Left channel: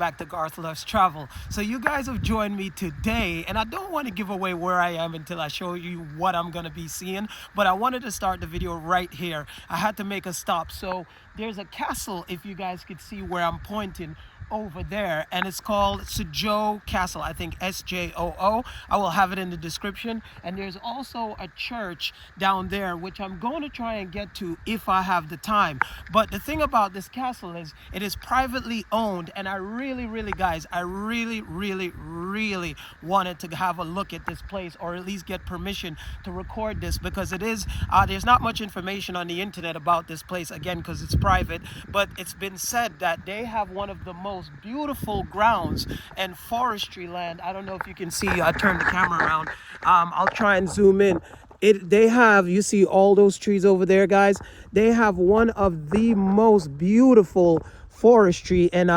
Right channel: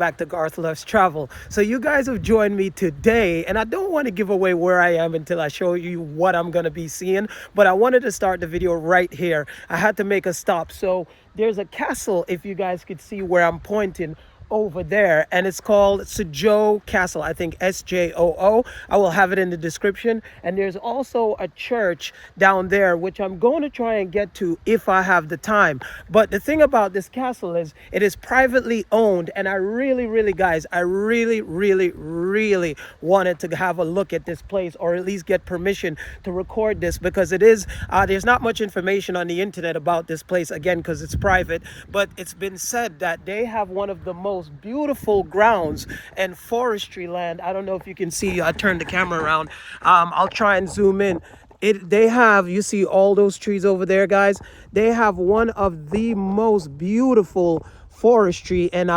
back to Garth Loves Travel. So you guys have joined me today, and I don't want to give away where I am until I show you what I'm going to be seeing, but I wanted to start the video right here. I had to make a stop. So there's a castle, if you guys could see where I'm pointing over there, and it's called Ujazdów Castle. I think SJOO. I will have it in the description. And there's also a church down there which I'm going to try and get to if I have the time. But the thing about this castle is it is privately owned, and I really guys, I really wanted to have a look at this place, or at least get permission to record this, because it is there's not much information on the internet about this place, again because it's private. But it's been said that they have one of the most beautiful grounds and forestry land. I don't know if you can see, I turned the camera around. I'll try and zoom in. They have, you see all those trees over there, guys? They have one of the most beautiful forestry and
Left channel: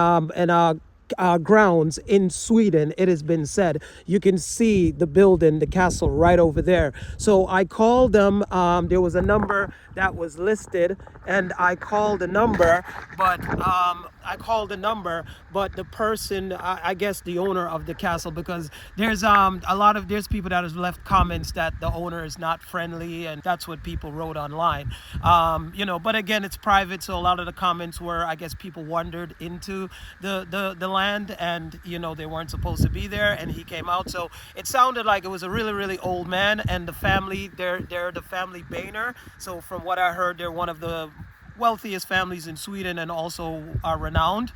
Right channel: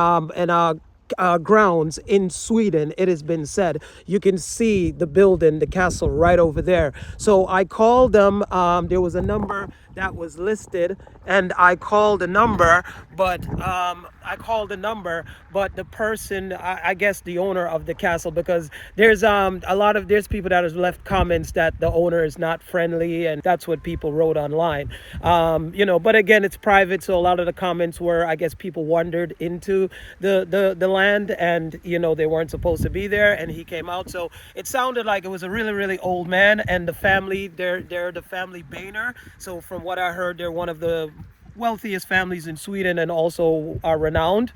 grounds in Sweden. It has been said. You can see the building, the castle right over there. So I called them. There was a number that was listed, and I called a number, but the person, I guess the owner of the castle, because there's there's people that has left comments that the owner is not friendly, and that's what people wrote online. You know, but again, it's private, so a lot of the comments were, I guess, people wandered into the land, and you know, they weren't supposed to be there, and he came out. So it sounded like it was a really old man, and the family, they're the family Brahe. So from what I heard, they're one of the wealthiest families in Sweden, and also are renowned,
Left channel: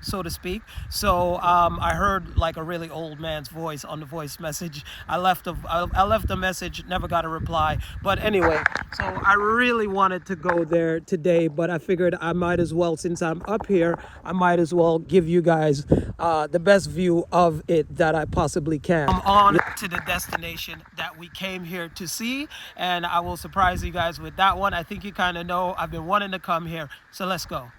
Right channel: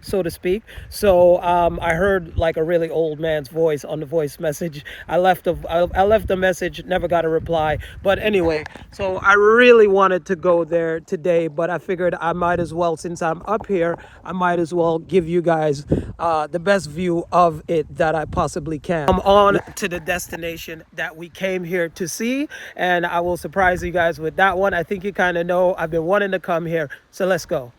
so to speak. So I heard like a really old man's voice on the voice message. I left a message, never got a reply. But anyway, so I really wanted to go there today, but I figured I might as well, since I'm up here, I might as well give you guys the best view of it that I possibly can. I'm on to the destination that we came here to see, and I will surprise you guys with that one. I think you kind of know I've been wanting to come here, so let's go.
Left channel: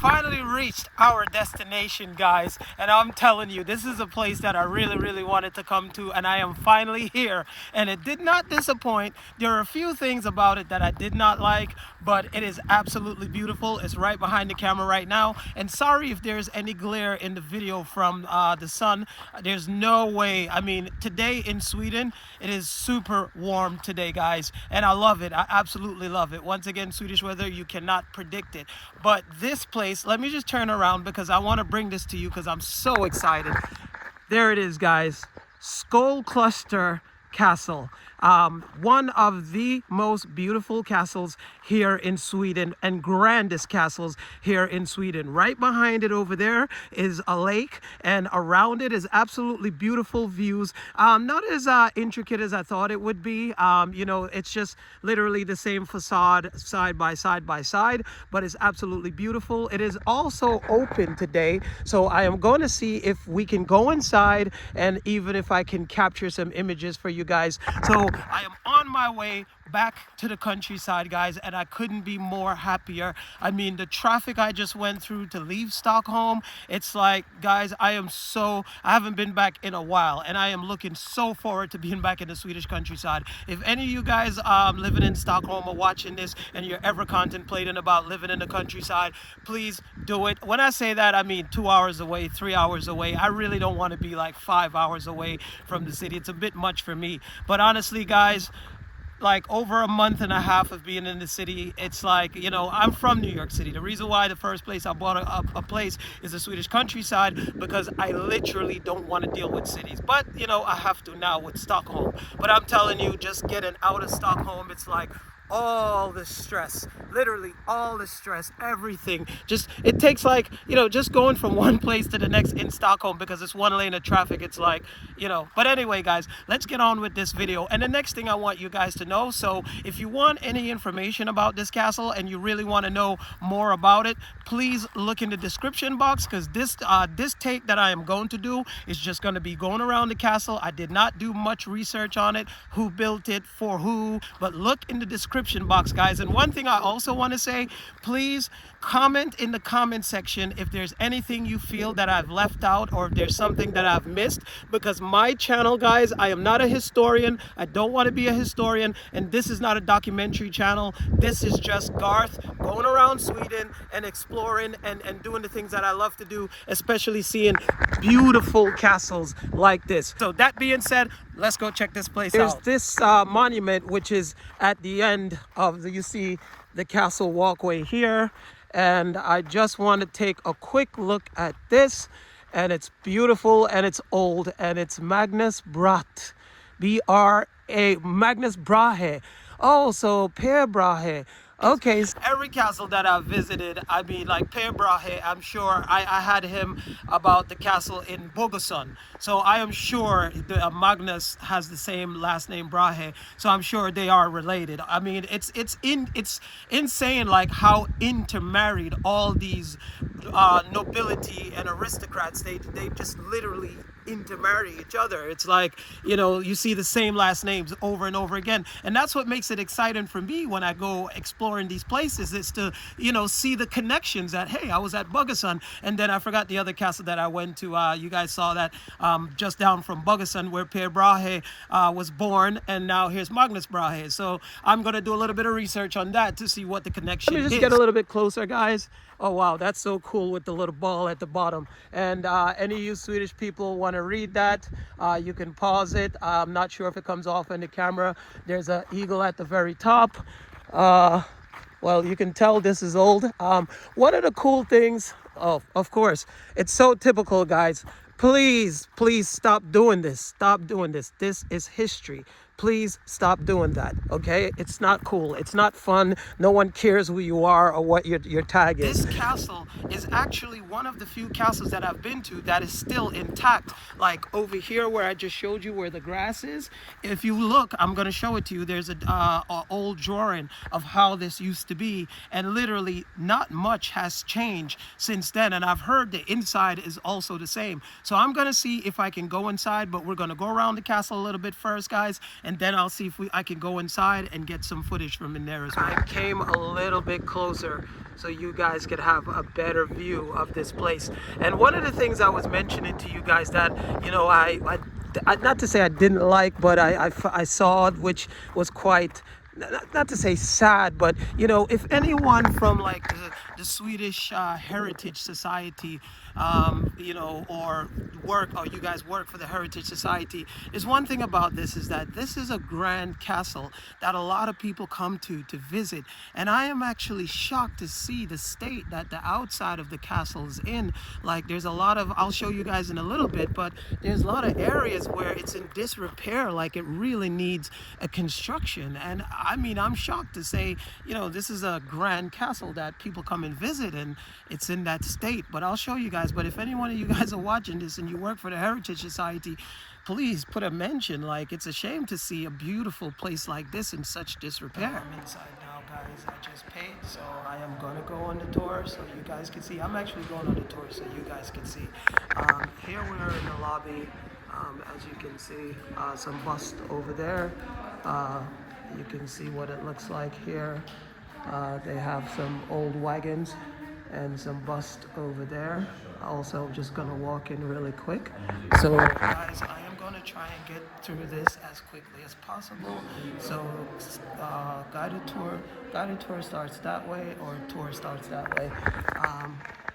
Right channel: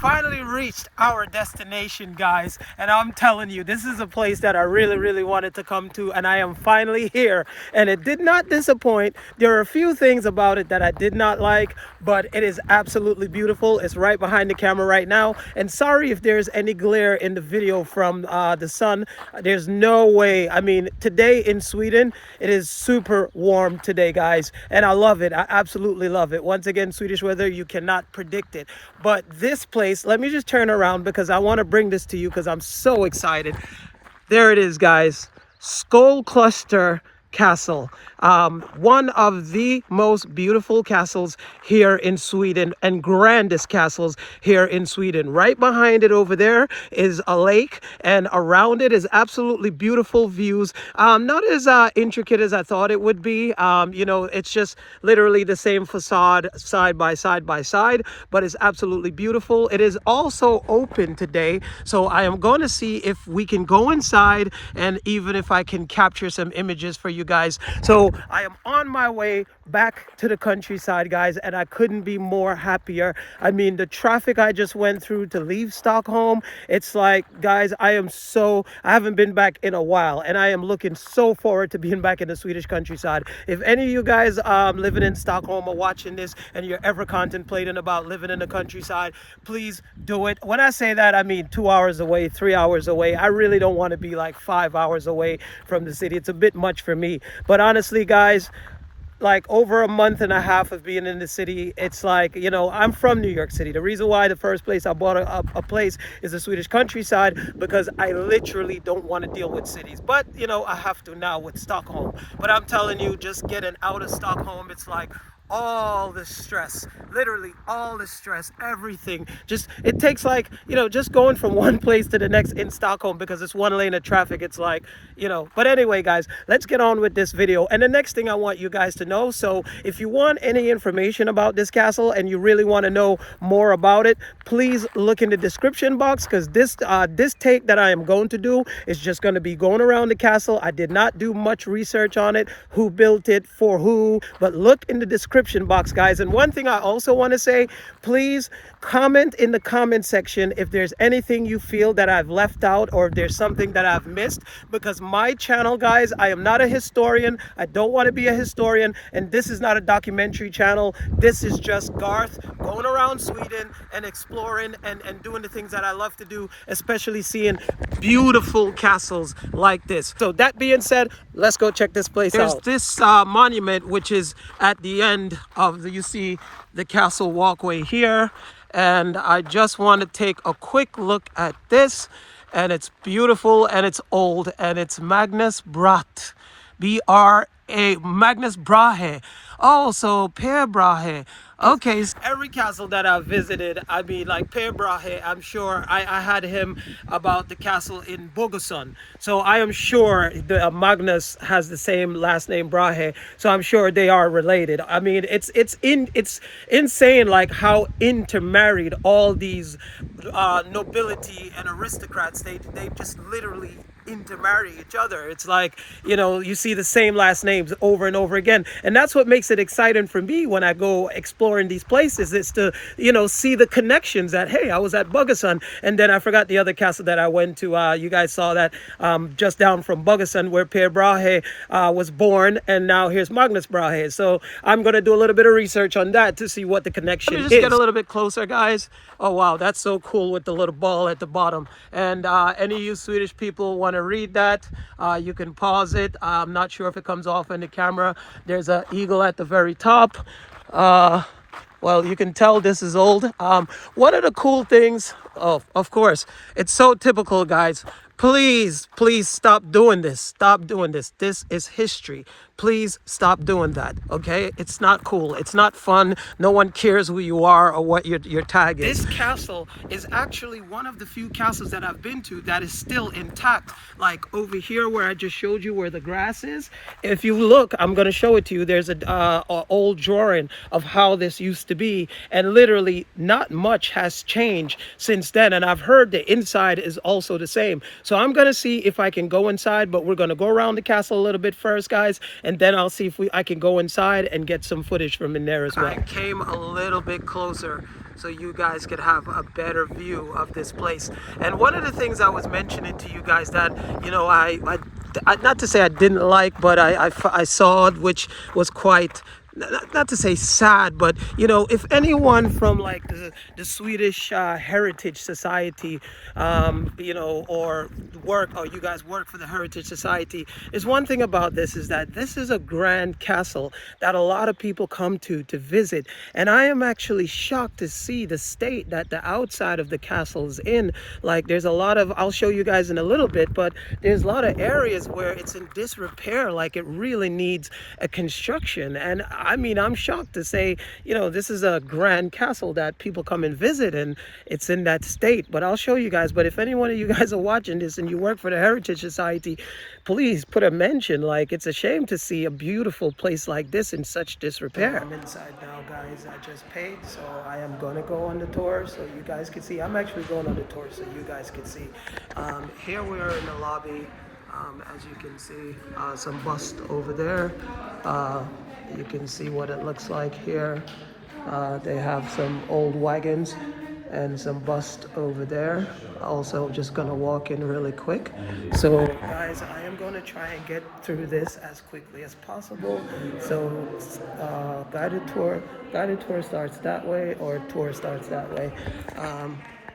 Finally reached our destination, guys, and I'm telling you, this is a place that I really wanted to come to, and I am finally here, and it did not disappoint. There are a few things about it that I did not like, but it is absolutely beautiful. It's right behind the camera right now, and sorry if there's any glare in the video from the sun. There's no way. I mean, today in Sweden, it is super warm today, guys, and I love it. I absolutely love it. Once again, Swedish weather, you cannot predict it. But this place, let me just turn around because I want to bring this to you because I'm so excited. There it is, guys. Skolkloster Castle, one of the most beautiful castles here in Sweden, and grandest castles here in Sweden. Right behind it over there is a lake, and around it is absolutely beautiful views. Not as intricate as I thought it would be. You know, it's just literally the same facade side by side, but it's absolutely beautiful. It is also open today, so I am going to see if we can go inside, and even if I can capture some images for you guys. So I am on my way back to the countryside, guys, and I couldn't be more happier. I mean, the traffic I just went through to leave Stockholm, it's like, guys, I haven't been back in a while, and I am looking so forward to being back in the Swedish countryside. If any of you guys living in Stockholm are watching this and you're ever contemplating about living in the countryside, please do it. When I say that, I mean 2 hours away, 3 hours away. I really don't want to be like 5 hours away from the city. It's a bit much for me. But honestly, guys, like over a month and a half of being in the city, it's like, you know, I'm from New York City. The reason why the first place I bought a place is the Swedish countryside, because I literally don't want to deal with cities. But, you know, I have to now with Stockholm. But I'm telling you, just getting out of Stockholm, it's like all the stress, literally all the stress, everything. Just, it takes like, you know, just going from one place to the next in Stockholm, because it's one lane of traffic. It's like, you know, but anyway, guys, let's get on with this video. And the next thing I want you guys to know, so if you want any information about this castle and you really want to know more about it, please look in the description box, because this take that I am going to do is just going to be going around the castle. I did not do much research on it, who built it, for who, but look in the description box, guys. And one thing I also want to say, please Comment in the comment section if there's anything you feel that I've left out, or if there's something that I've missed, because my channel, guys, I am not a historian. I don't want to be a historian, and this is not a documentary channel. This is just Garth going around Sweden and exploring and doing the things that I love to do, especially seeing beautiful castles like this. So that being said, let's go check this place out. There's this monument, which is at the end of you see the castle walkway here, and I just want to take a quick look at this, and it's beautiful and it's old, and it's Magnus Brahe, B-R-A, Magnus Brahe. Oh, so Per Brahe. Okay, so every castle that I've visited, I mean, like Per Brahe, I'm sure I had him about the castle in Bogesund. So I am sure the Magnus has the same last name, Brahe. So I'm sure they are related. I mean, it's insane, like how intermarried all these nobility and aristocrats. They just literally intermarry each other. It's like, you know, you see the same last names over and over again, and that's what makes it exciting for me when I go exploring these places, is to, you know, see the connections that, hey, I was at Bogesund, and then I forgot the other castle that I went to. You guys saw that just down from Bogesund, where Per Brahe was born, and now here's Magnus Brahe. So I'm gonna do a little bit of research on that to see what the connection is. Let me just get a little bit closer, guys. Oh wow, that's so cool with the little ball at the bottom. And any of you Swedish people want to read that, you can pause it. I'm not sure if it comes off on the camera. There's an eagle at the very top. Well, you can tell this is old. One of the cool things, oh, of course, it's so typical, guys. Please stop doing this. Stop doing this. This is history. Please stop doing that, okay? It's not cool. It's not fun. No one cares who you are or what your tag is. This castle is actually one of the few castles that I've been to that is still intact. Like over here where I just showed you where the grass is. If you look, I'm going to show it to you. There's a old drawing of how this used to be. And literally not much has changed since then. And I've heard the inside is also the same. So I'm going to see if I can go inside, but we're going to go around the castle a little bit first, guys. And then I'll see if I can go inside and get some footage from in there as well. I came a little bit closer so you guys could have a better view of this place. And one of the things I was mentioning to you guys that, you know, I not to say I didn't like, but I saw, which was quite, not to say sad, but, you know, if anyone from like the Swedish Heritage Society, you know, or you guys work for the Heritage Society, is one thing about this is that this is a grand castle that a lot of people come to visit. And I am actually shocked to see the state that the outside of the castle is in. Like there's a lot of, I'll show you guys in a little bit, but there's a lot of areas where it's in disrepair, like it really needs a construction. And I mean, I'm shocked to say, you know, this is a grand castle that people come and visit, and it's in that state. But I'll show you guys. But if any one of you guys are watching this and you work for the Heritage Society, please put a mention. Like, it's a shame to see a beautiful place like this in such disrepair. I'm inside now, guys. I just paid, so I am gonna go on the tour so you guys can see. I'm actually going on the tour so you guys can see. Here we are in the lobby. As you can see, some bust over there. You can see what it looks like here. They have some old wagons and some bust over there. Also just gonna walk in really quick. So guys, I am gonna try and get through this as quickly as possible. So guided tour starts that way, or tour starts that way.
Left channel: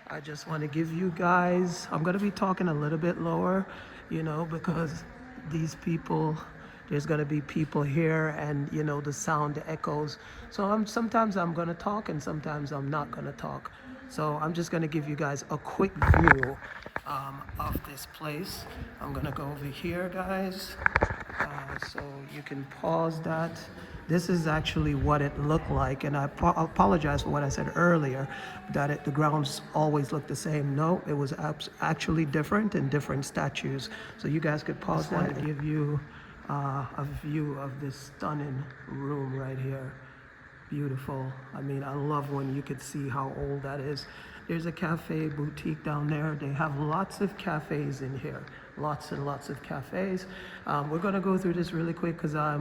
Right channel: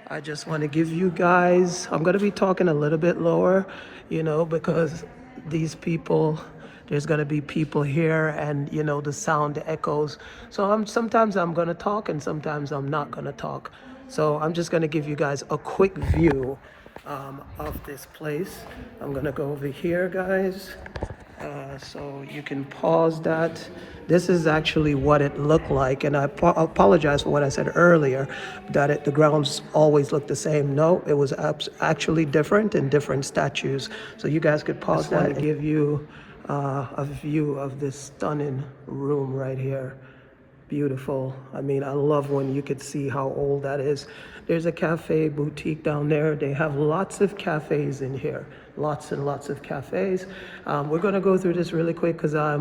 I just want to give you guys, I'm gonna be talking a little bit lower, you know, because these people, there's going to be people here, and you know, the sound echoes. So sometimes I'm going to talk and sometimes I'm not going to talk. So I'm just going to give you guys a quick view of this place. I'm going to go over here, guys. So you can pause that. This is actually what it looked like, and I apologize for what I said earlier, that the grounds always look the same. No, it was actually different in different statues. So you guys could pause that and give you a view of this stunning room right here. Beautiful. I mean, I love when you could see how old that is. There's a cafe boutique down there. They have lots of cafes in here. lots and lots of cafes. We're gonna go through this really quick because I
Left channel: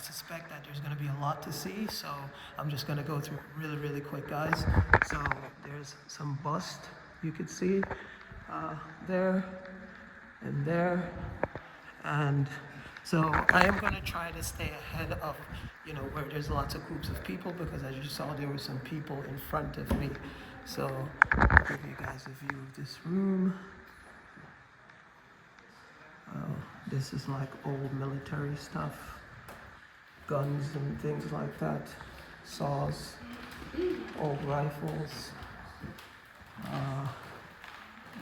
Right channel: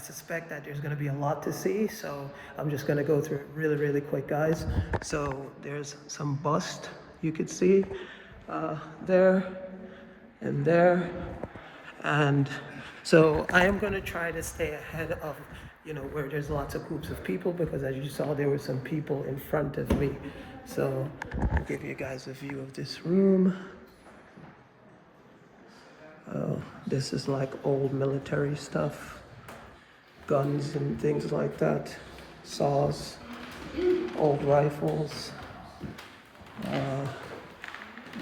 suspect that there's gonna be a lot to see, so I'm just gonna go through it really, really quick, guys. So there's some bust you could see there and there, and so I am gonna try to stay ahead of where there's lots of groups of people, because as you saw, there were some people in front of me. So I'll give you guys a view of this room. Oh, this is like old military stuff, guns and things like that, saws, old rifles.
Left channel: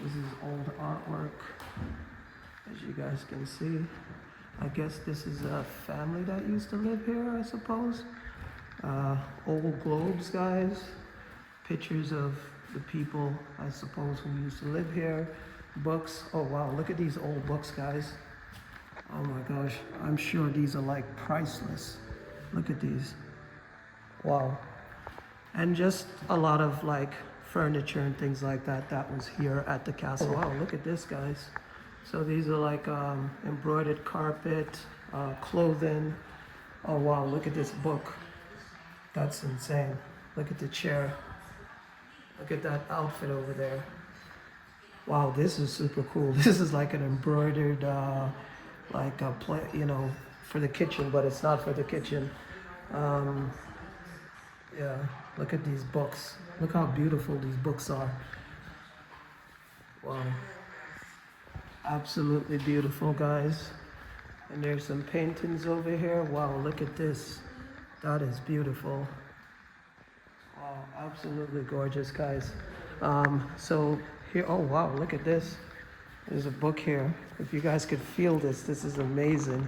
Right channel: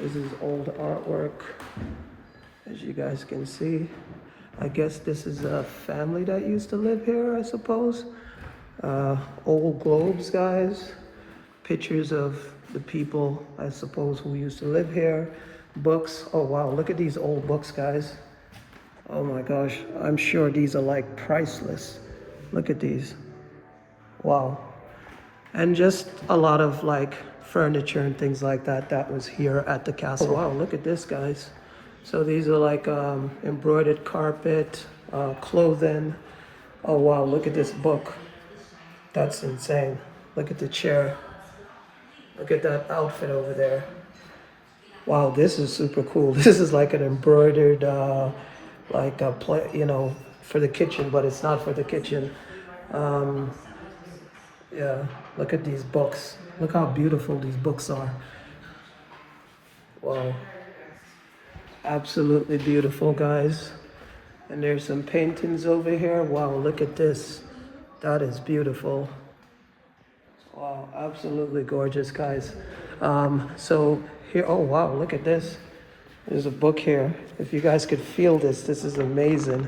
This is old artwork, as you guys can see. I guess this is a family that used to live here, I suppose. Old globes, guys. Pictures of the people, I suppose, who used to live here. Books. Oh wow, look at these old books, guys. Oh my gosh, I'm sure these are like priceless. Look at these. Wow. And just a lot of like furniture and things like that that was here at the castle. Oh, wow, look at this, guys. So these are like embroidered carpet, clothing. Oh wow, look at this book. That's insane. Look at the chair. Look at that outfit over there. Wow, this is super cool. This is like an embroidered, like a for the kitchen, but it's not for the kitchen. Yeah, look at these books. Look how beautiful these books are. Wow. Absolutely beautiful, guys. And there's some paintings over here. Wow, look at this. That is beautiful. Wow, absolutely gorgeous, guys. So here, oh wow, look at this. There's a book here. If you guys could feel this, this is amazing.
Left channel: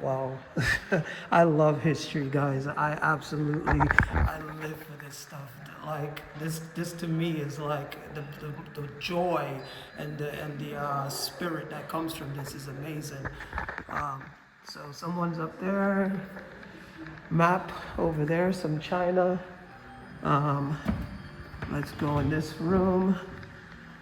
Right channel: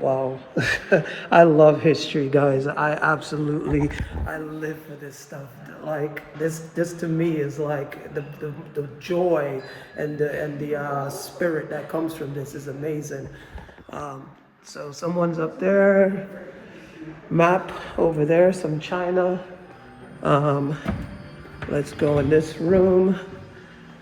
Wow. I love history, guys. I live for this stuff. Like this to me is like the joy and the spirit that comes from this is amazing. So someone's up there. Map over there, some china. Let's go in this room.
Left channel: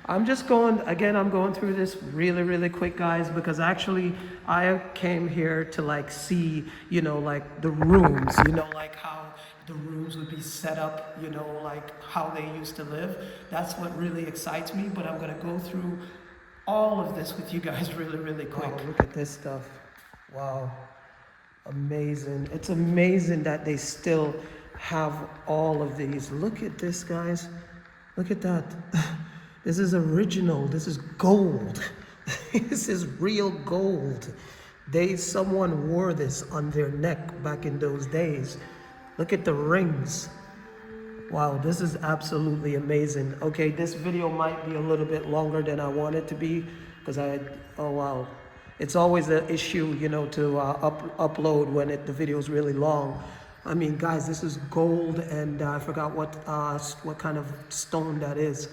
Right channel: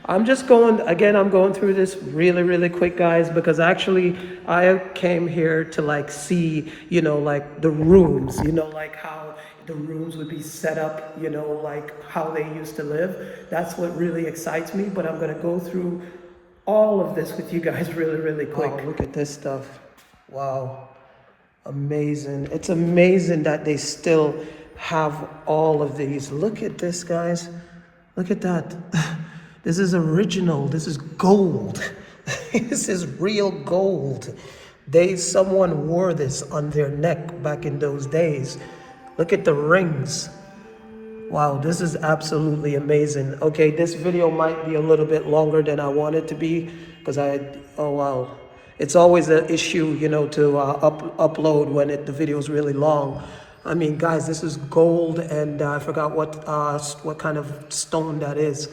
I'm going through this really, really quick, guys, because actually I came here to like see, like the rooms, like how the rooms would be set up, like how they used to live. That's what really excites me, but I'm gonna go through all of this with you guys really, really quick. Oh, look at this stuff. Wow, amazing. It's amazing that they still have all of these. Look at this, guys. Look at that. This is original. This is gold. This is real gold. Someone wore this on their neck back in those days. Look at the rings. Wow, this is absolutely amazing. Okay, this video might be a little bit longer than I want it to be, because oh wow. It's always an issue, to upload when the video is really long. I mean, guys, this is gold, and I forgot what kind of stone that is.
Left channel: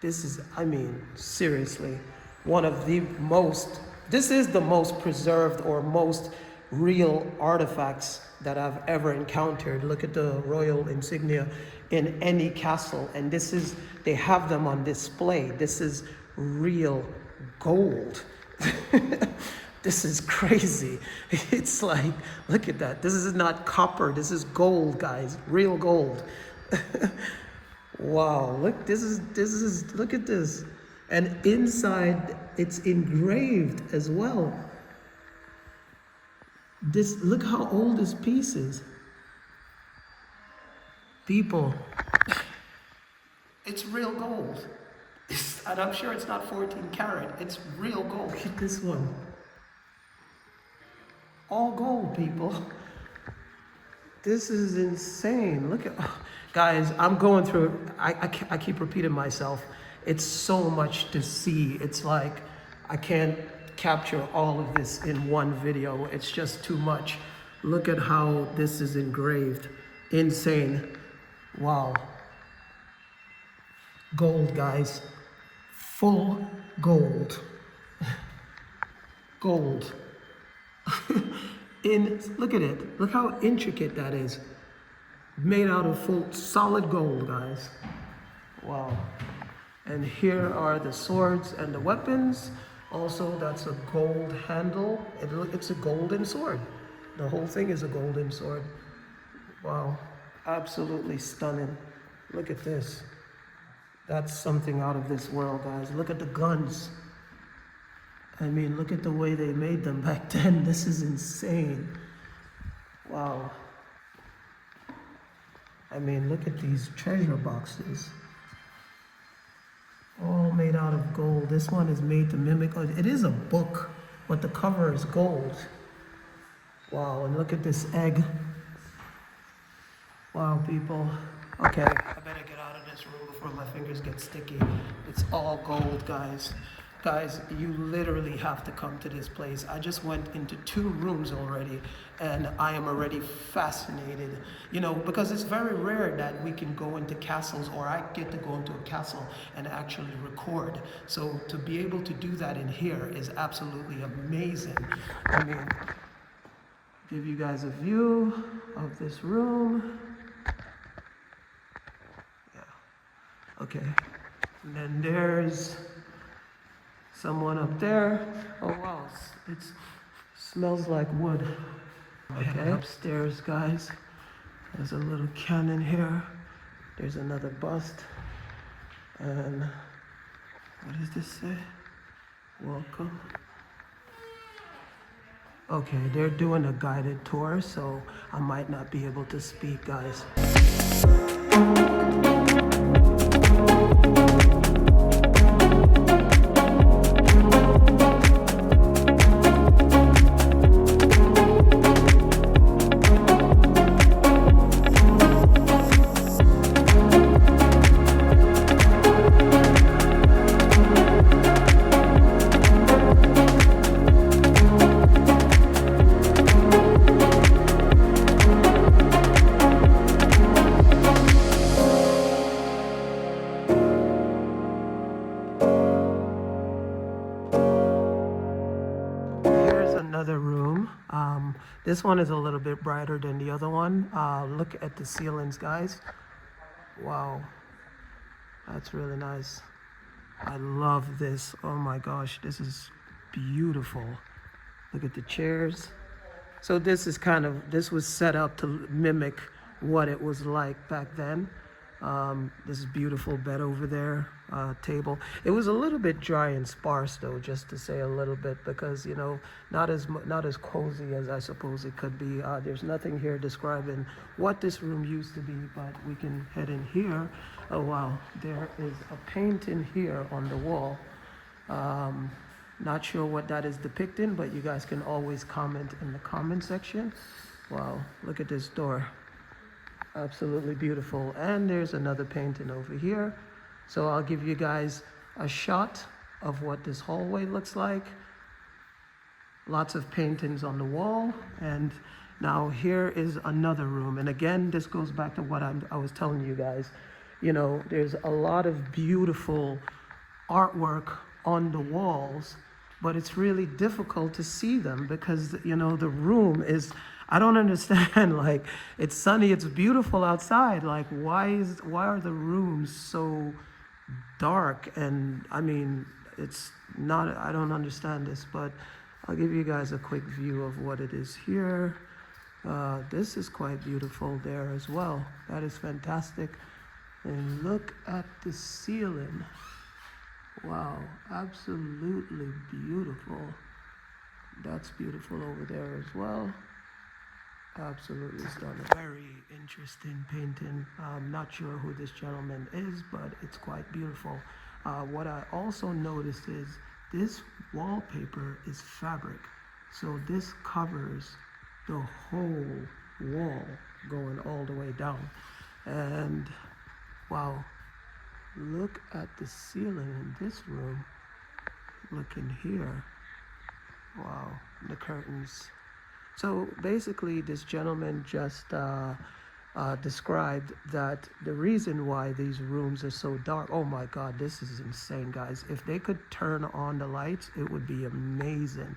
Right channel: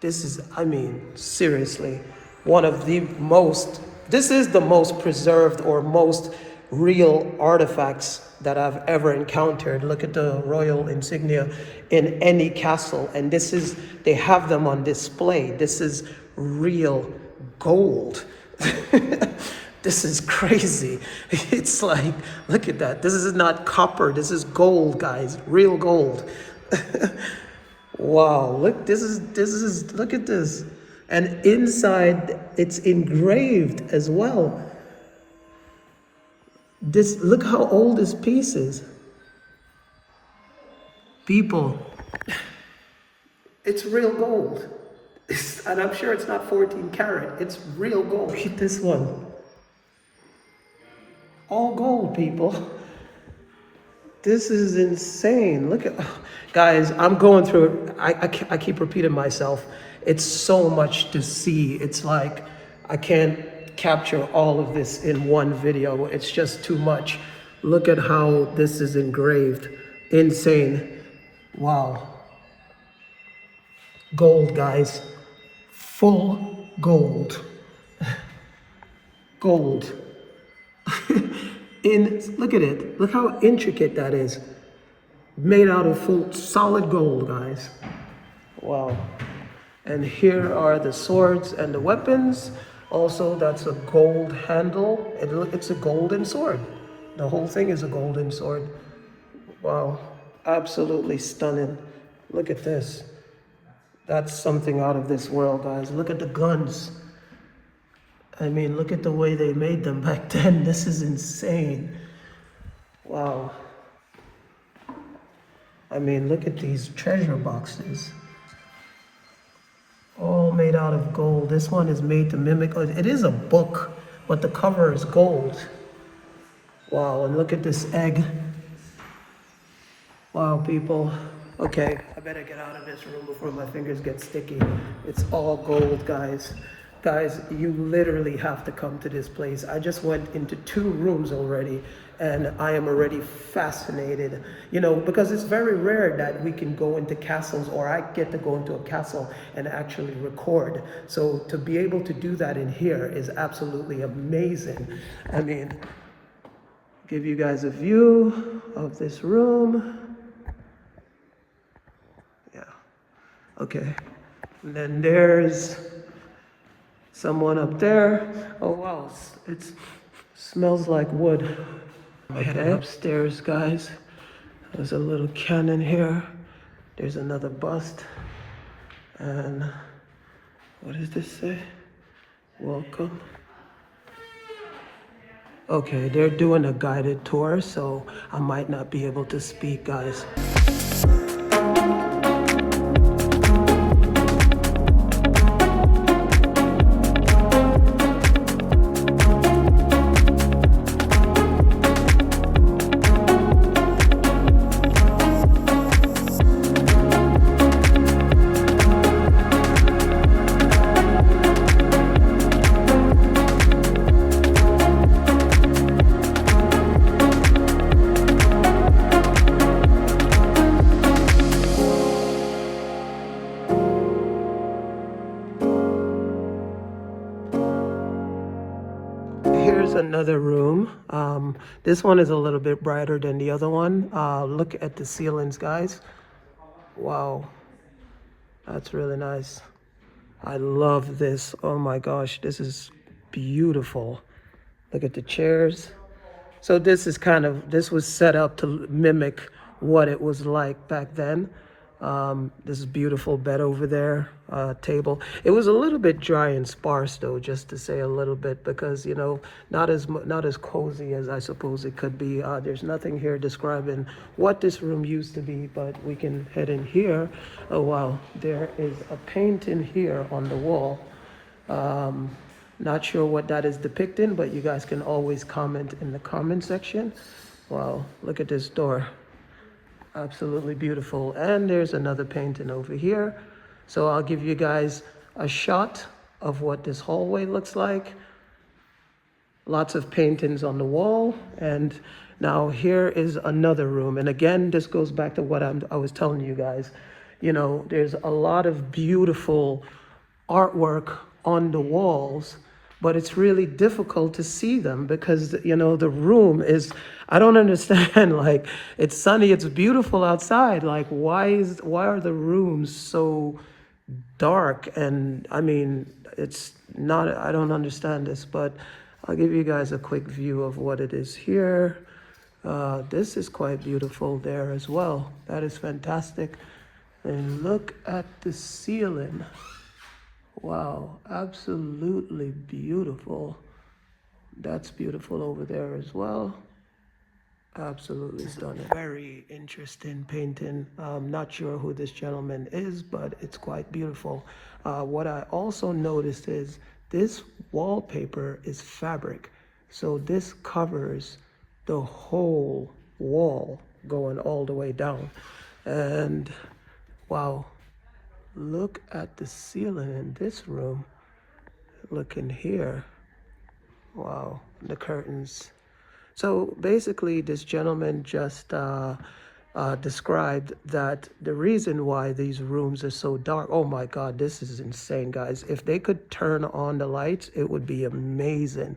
This is, I mean, seriously, this is the most preserved or most real artifacts that I've ever encountered. Look at the royal insignia in any castle, and they have them on display. This is real gold. This is crazy. It's like, look at that. This is not copper, this is gold, guys, real gold. Wow, look, look at this. And inside, it's engraved as well. Look how old this piece is. People, it's real gold. And I'm sure it's not 14 karat, it's real gold. Look at this one. All gold, people. This is insane. Look at, guys, I'm going through, I keep repeating myself. It's so much to see. It's like, I can't capture all of this in one video. It's just too much. Look at how this is engraved. Insane. Wow. Gold, guys. Full gold. Gold. Look at it. Look how intricate that is. Made out of full solid gold, guys. Wow. And here are the swords and the weapons. Also, that's a gold handle. It's a golden sword. The whole thing is a golden sword. Wow, absolutely stunning. Look at this. That's something out of this world, guys. Look at the guns. I mean, look at the way they made them back then. This is insane. Wow. I mean, look at these treasure boxes. All made out of gold. This one is made to mimic, it is a book, but the cover is gold. Wow, and look at this egg. Wow, people. Okay, I better get out of this room before my fingers get sticky. It's all gold, guys. Guys, you literally have to come to this place. I just went into 2 rooms already, and I am already fascinated. You know, because it's very rare that we can go into castles, or I get to go into a castle and actually record. So to be able to do that in here is absolutely amazing. I mean, give you guys a view of this room. Yeah, okay. And then there's someone up there. Oh wow, it smells like wood. Okay, upstairs, guys. There's a little cannon here. There's another bust. And what does this say? Welcome. Okay, they're doing a guided tour, so I might not be able to speak, guys. Another room. This one is a little bit brighter than the other one. Look at the ceilings, guys. Wow, that's really nice. I love this. Oh my gosh, this is beautiful. Look at the chairs. So this was set up to mimic what it was like back then. This beautiful bed over there, table. It was a little bit dry and sparse though, just to say a little bit, because you know, not as cozy as I suppose it could be. There's nothing here describing what this room used to be, but we can head in here. Oh wow, there is a painting here on the wall. Not sure what that is depicting, but you guys can always comment in the comment section. Wow, look at this door. Absolutely beautiful. And there's another painting over here. So I'll give you guys a shot of what this hallway looks like. Lots of paintings on the wall. And now here is another room. And again, this goes back to what I was telling you guys. You know, there's a lot of beautiful artwork on the walls, but it's really difficult to see them because, you know, the room is, I don't understand, like, it's sunny, it's beautiful outside. Like, why are the rooms so dark? And I mean, it's not, I don't understand this, but I'll give you guys a quick view of what it is here. This is quite beautiful there as well. That is fantastic. And look at the ceiling. Wow, absolutely beautiful. That's beautiful over there as well. Absolutely stunning. Very interesting painting. I'm not sure who this gentleman is, but it's quite beautiful. What I also noticed is this wallpaper is fabric. So this covers the whole wall going all the way down. And wow, look at the ceiling in this room. Look in here. Wow, the curtains. So basically, this gentleman just described that the reason why these rooms are so dark, oh my God, this is insane, guys. If they could turn on the lights, it would be amazing.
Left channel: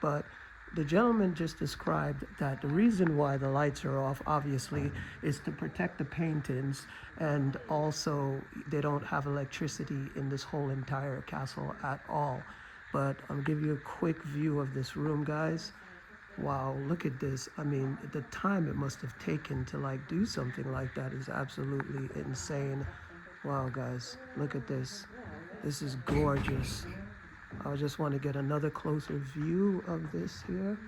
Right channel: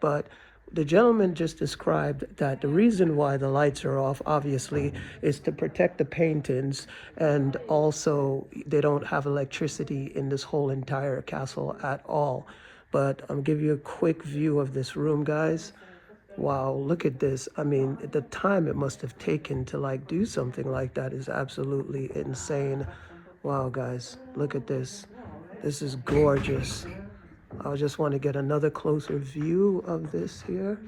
But the gentleman just described that the reason why the lights are off, obviously, is to protect the paintings, and also they don't have electricity in this whole entire castle at all. But I'll give you a quick view of this room, guys. Wow, look at this. I mean, the time it must have taken to like do something like that is absolutely insane. Wow, guys, look at this. This is gorgeous. I just want to get another closer view of this here.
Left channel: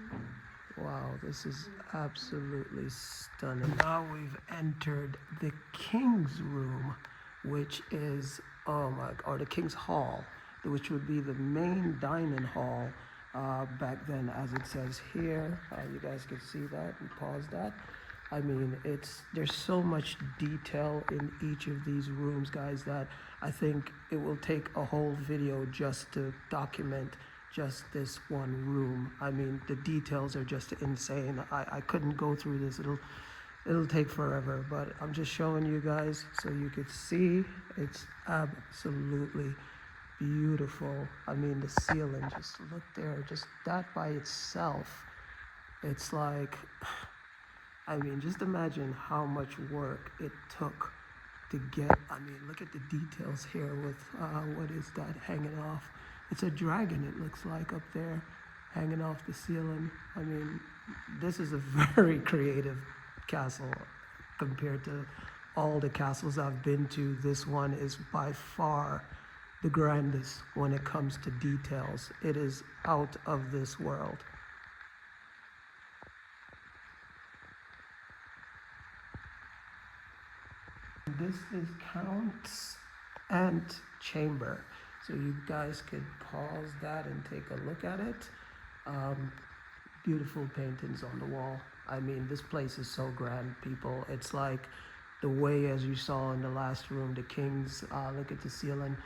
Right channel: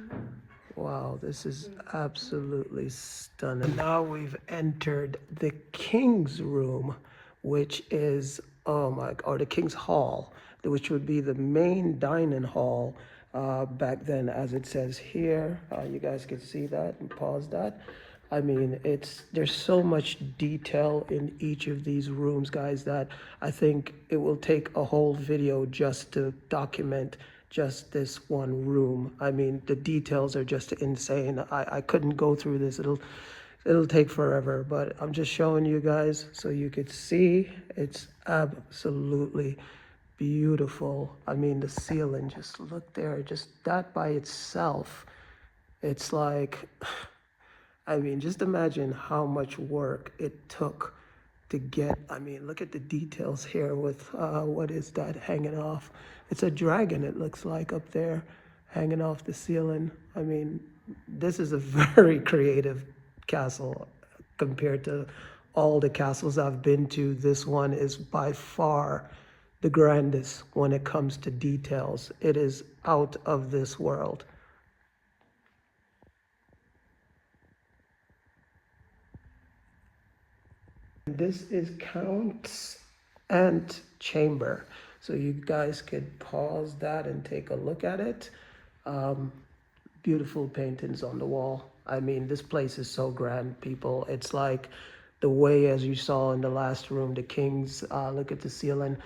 Wow, this is absolutely stunning. Now we've entered the King's Room, which is, oh my, or the King's Hall, which would be the main dining hall back then, as it says here. You guys can see that and pause that. I mean, there's so much detail in each of these rooms, guys, that I think it will take a whole video just to document just this one room. I mean, the details are just insane. I couldn't go through this. It'll take forever, but I'm just showing you guys so you could see. It's absolutely beautiful. I mean, the ceiling, just look there, just that by itself, it's like, I mean, just imagine how much work it took to get. I mean, look at the details here with what is that hanging off? It's a dragon, it looks like, up there hanging off the ceiling. I mean, this is a very creative castle compared to all the castles I've been to. This one is by far the grandest when it comes to details. It is out of this world. This is Count's Antechamber. So you guys could pause that and take a look at it. Beautiful paintings on the wall. I mean, this place is so grand, people. It's like the way, as you saw in the last room, the King's, look at the ceiling,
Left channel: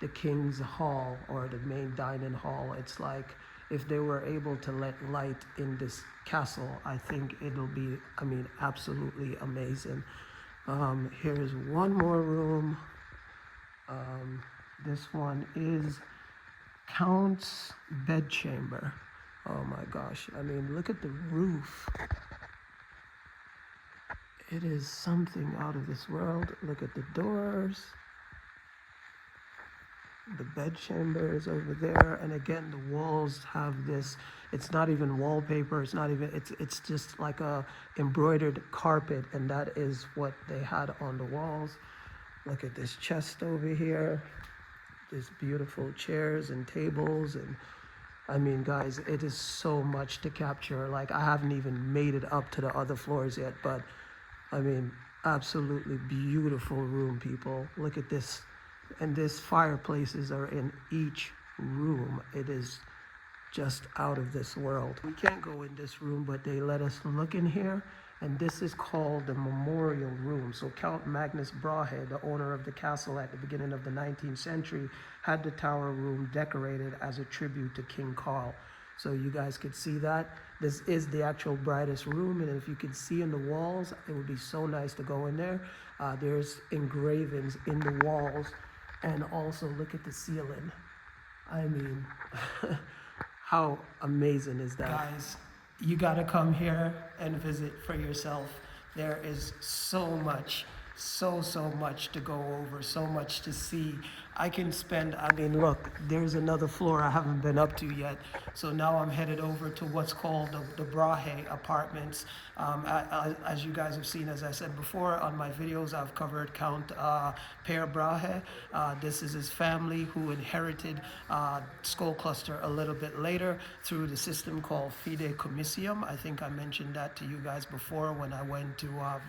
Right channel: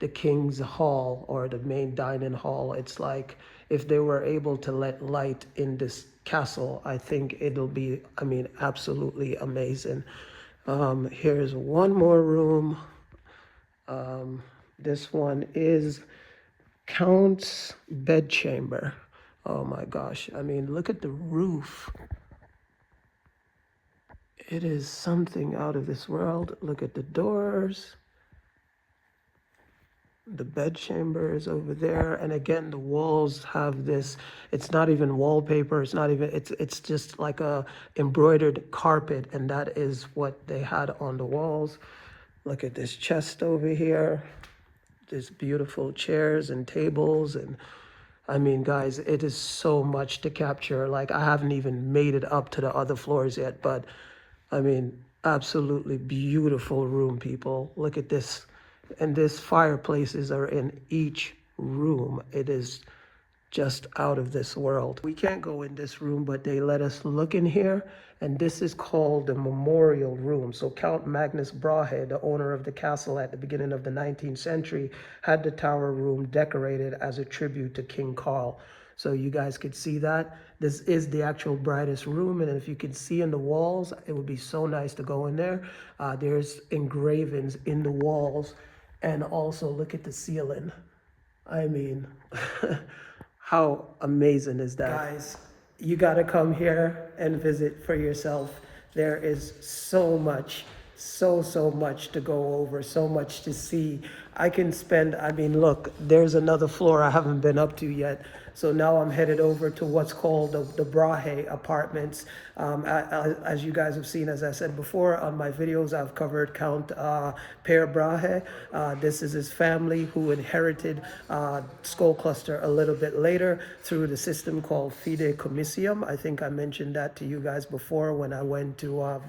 the King's Hall, or the main dining hall. It's like if they were able to let light in this castle, I think it'll be, I mean, absolutely amazing. Here's one more room. This one is Count's Bedchamber. Oh my gosh, I mean, look at the roof. It is something out of this world. Look at the doors. The bedchamber is over there, and again, the walls have this, it's not even wallpaper, it's not even, it's just like a embroidered carpet, and that is what they had on the walls. Look at this chest over here, there's beautiful chairs and tables, and I mean, guys, it is so much to capture. Like, I haven't even made it up to the other floors yet, but I mean, absolutely beautiful room, people. Look at this. And these fireplaces are in each room. It is just out of this world. We can't go in this room, but they let us look in here, and this is called the Memorial Room. So Count Magnus Brahe, the owner of the castle at the beginning of the 19th century, had the tower room decorated as a tribute to King Carl. So you guys could see that. This is the actual brightest room, and if you could see in the walls, it would be so nice to go in there. There's engravings in the walls. And also look at the ceiling. I mean, how amazing is that? Guys, you gotta come here and visit for yourself. There is so much, so much to go over, so much to see. I can spend, I mean, look, there's another floor I haven't been up to yet. So now I'm headed over to what's called the Brahe apartments. As you guys have seen, as I said before, on my videos, I've covered Count Per Brahe. This is his family who inherited Skolkloster a little bit later through the system called Fideicommissium. I think I mentioned that to you guys before when I went to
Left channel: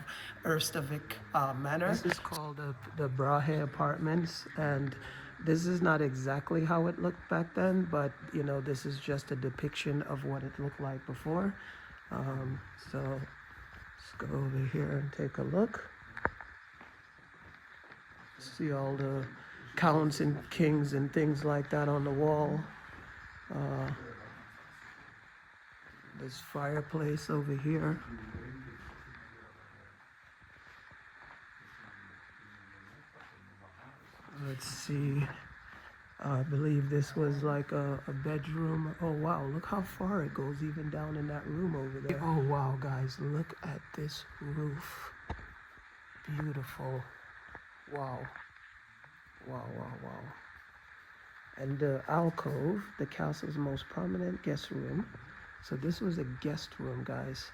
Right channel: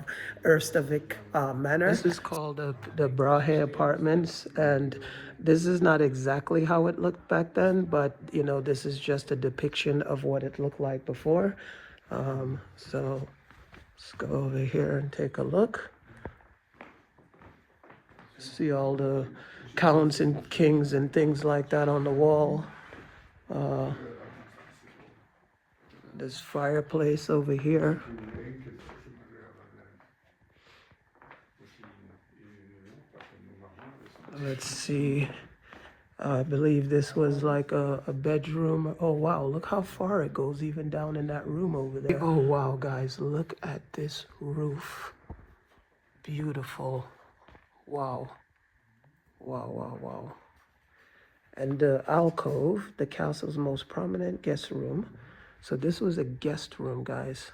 Ujazdów Manor. This is called the Brahe apartments, and this is not exactly how it looked back then, but you know, this is just a depiction of what it looked like before. So let's go over here and take a look. See all the counts and kings and things like that on the wall. This fireplace over here. Let's see. I believe this was like a bedroom. Oh wow, look how far it goes even down in that room over there. Oh wow, guys, look at this roof. Beautiful. Wow. Wow, wow, wow. And the alcove, the castle's most prominent guest room. So this was a guest room, guys.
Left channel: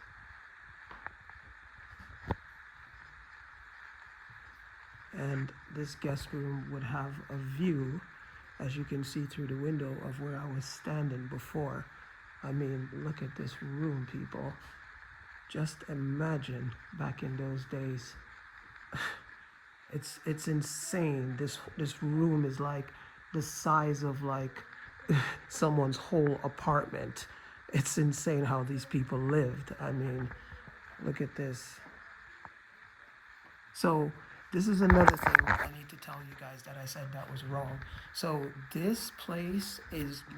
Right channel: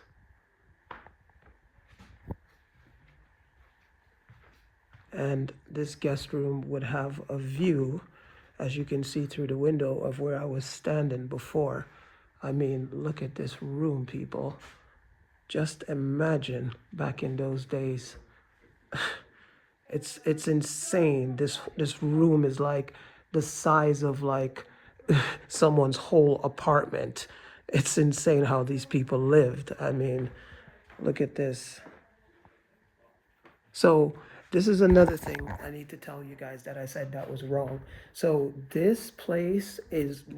And this guest room would have a view, as you can see through the window, of where I was standing before. I mean, look at this room, people. Just imagine back in those days. It's insane. This room is like the size of like someone's whole apartment. It's insane how these people lived. I mean, look at this. So this is another thing I need to tell you guys that I said that was wrong. So this place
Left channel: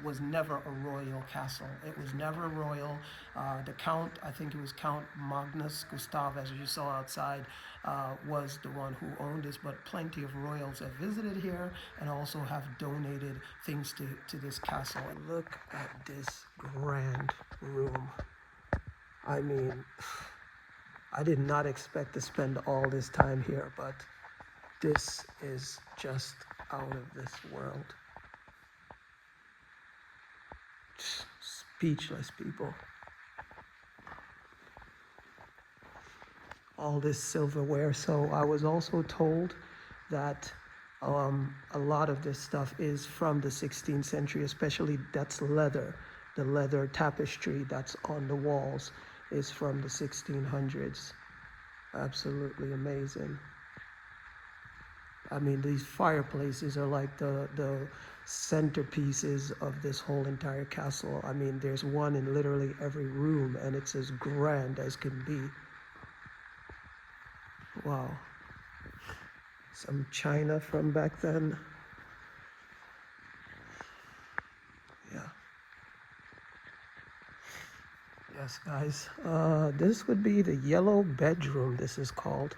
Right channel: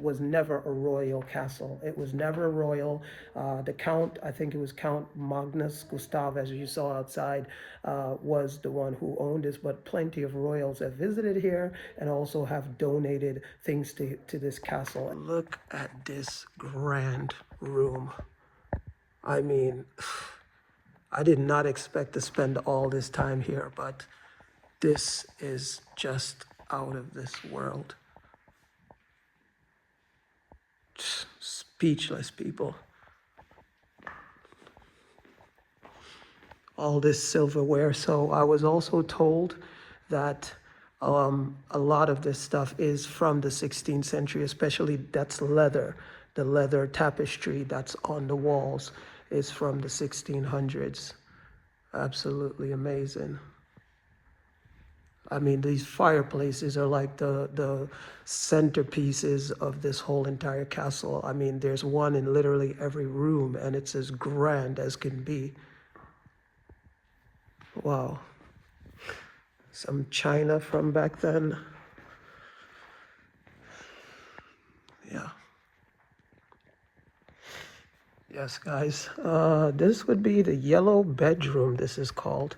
was never a royal castle. It was never royal. The Count, I think it was Count Magnus Gustav, as you saw outside, was the one who owned this, but plenty of royals have visited here and also have donated things to this castle. Look at this grand room. I mean, I did not expect to spend all this time here, but this is just out of this world. Speechless, people. All this silverware. So I was also told that a lot of this stuff is from the 16th century, especially that's leather. The leather tapestry that's on the walls is from the 1600s. Absolutely amazing. I mean, these fireplaces are like the centerpieces of this whole entire castle. I mean, there's one in literally every room, and it's as grand as can be. Wow. Some china from back then. Yeah. Yes, guys. This would be the yellow bedroom, this is called.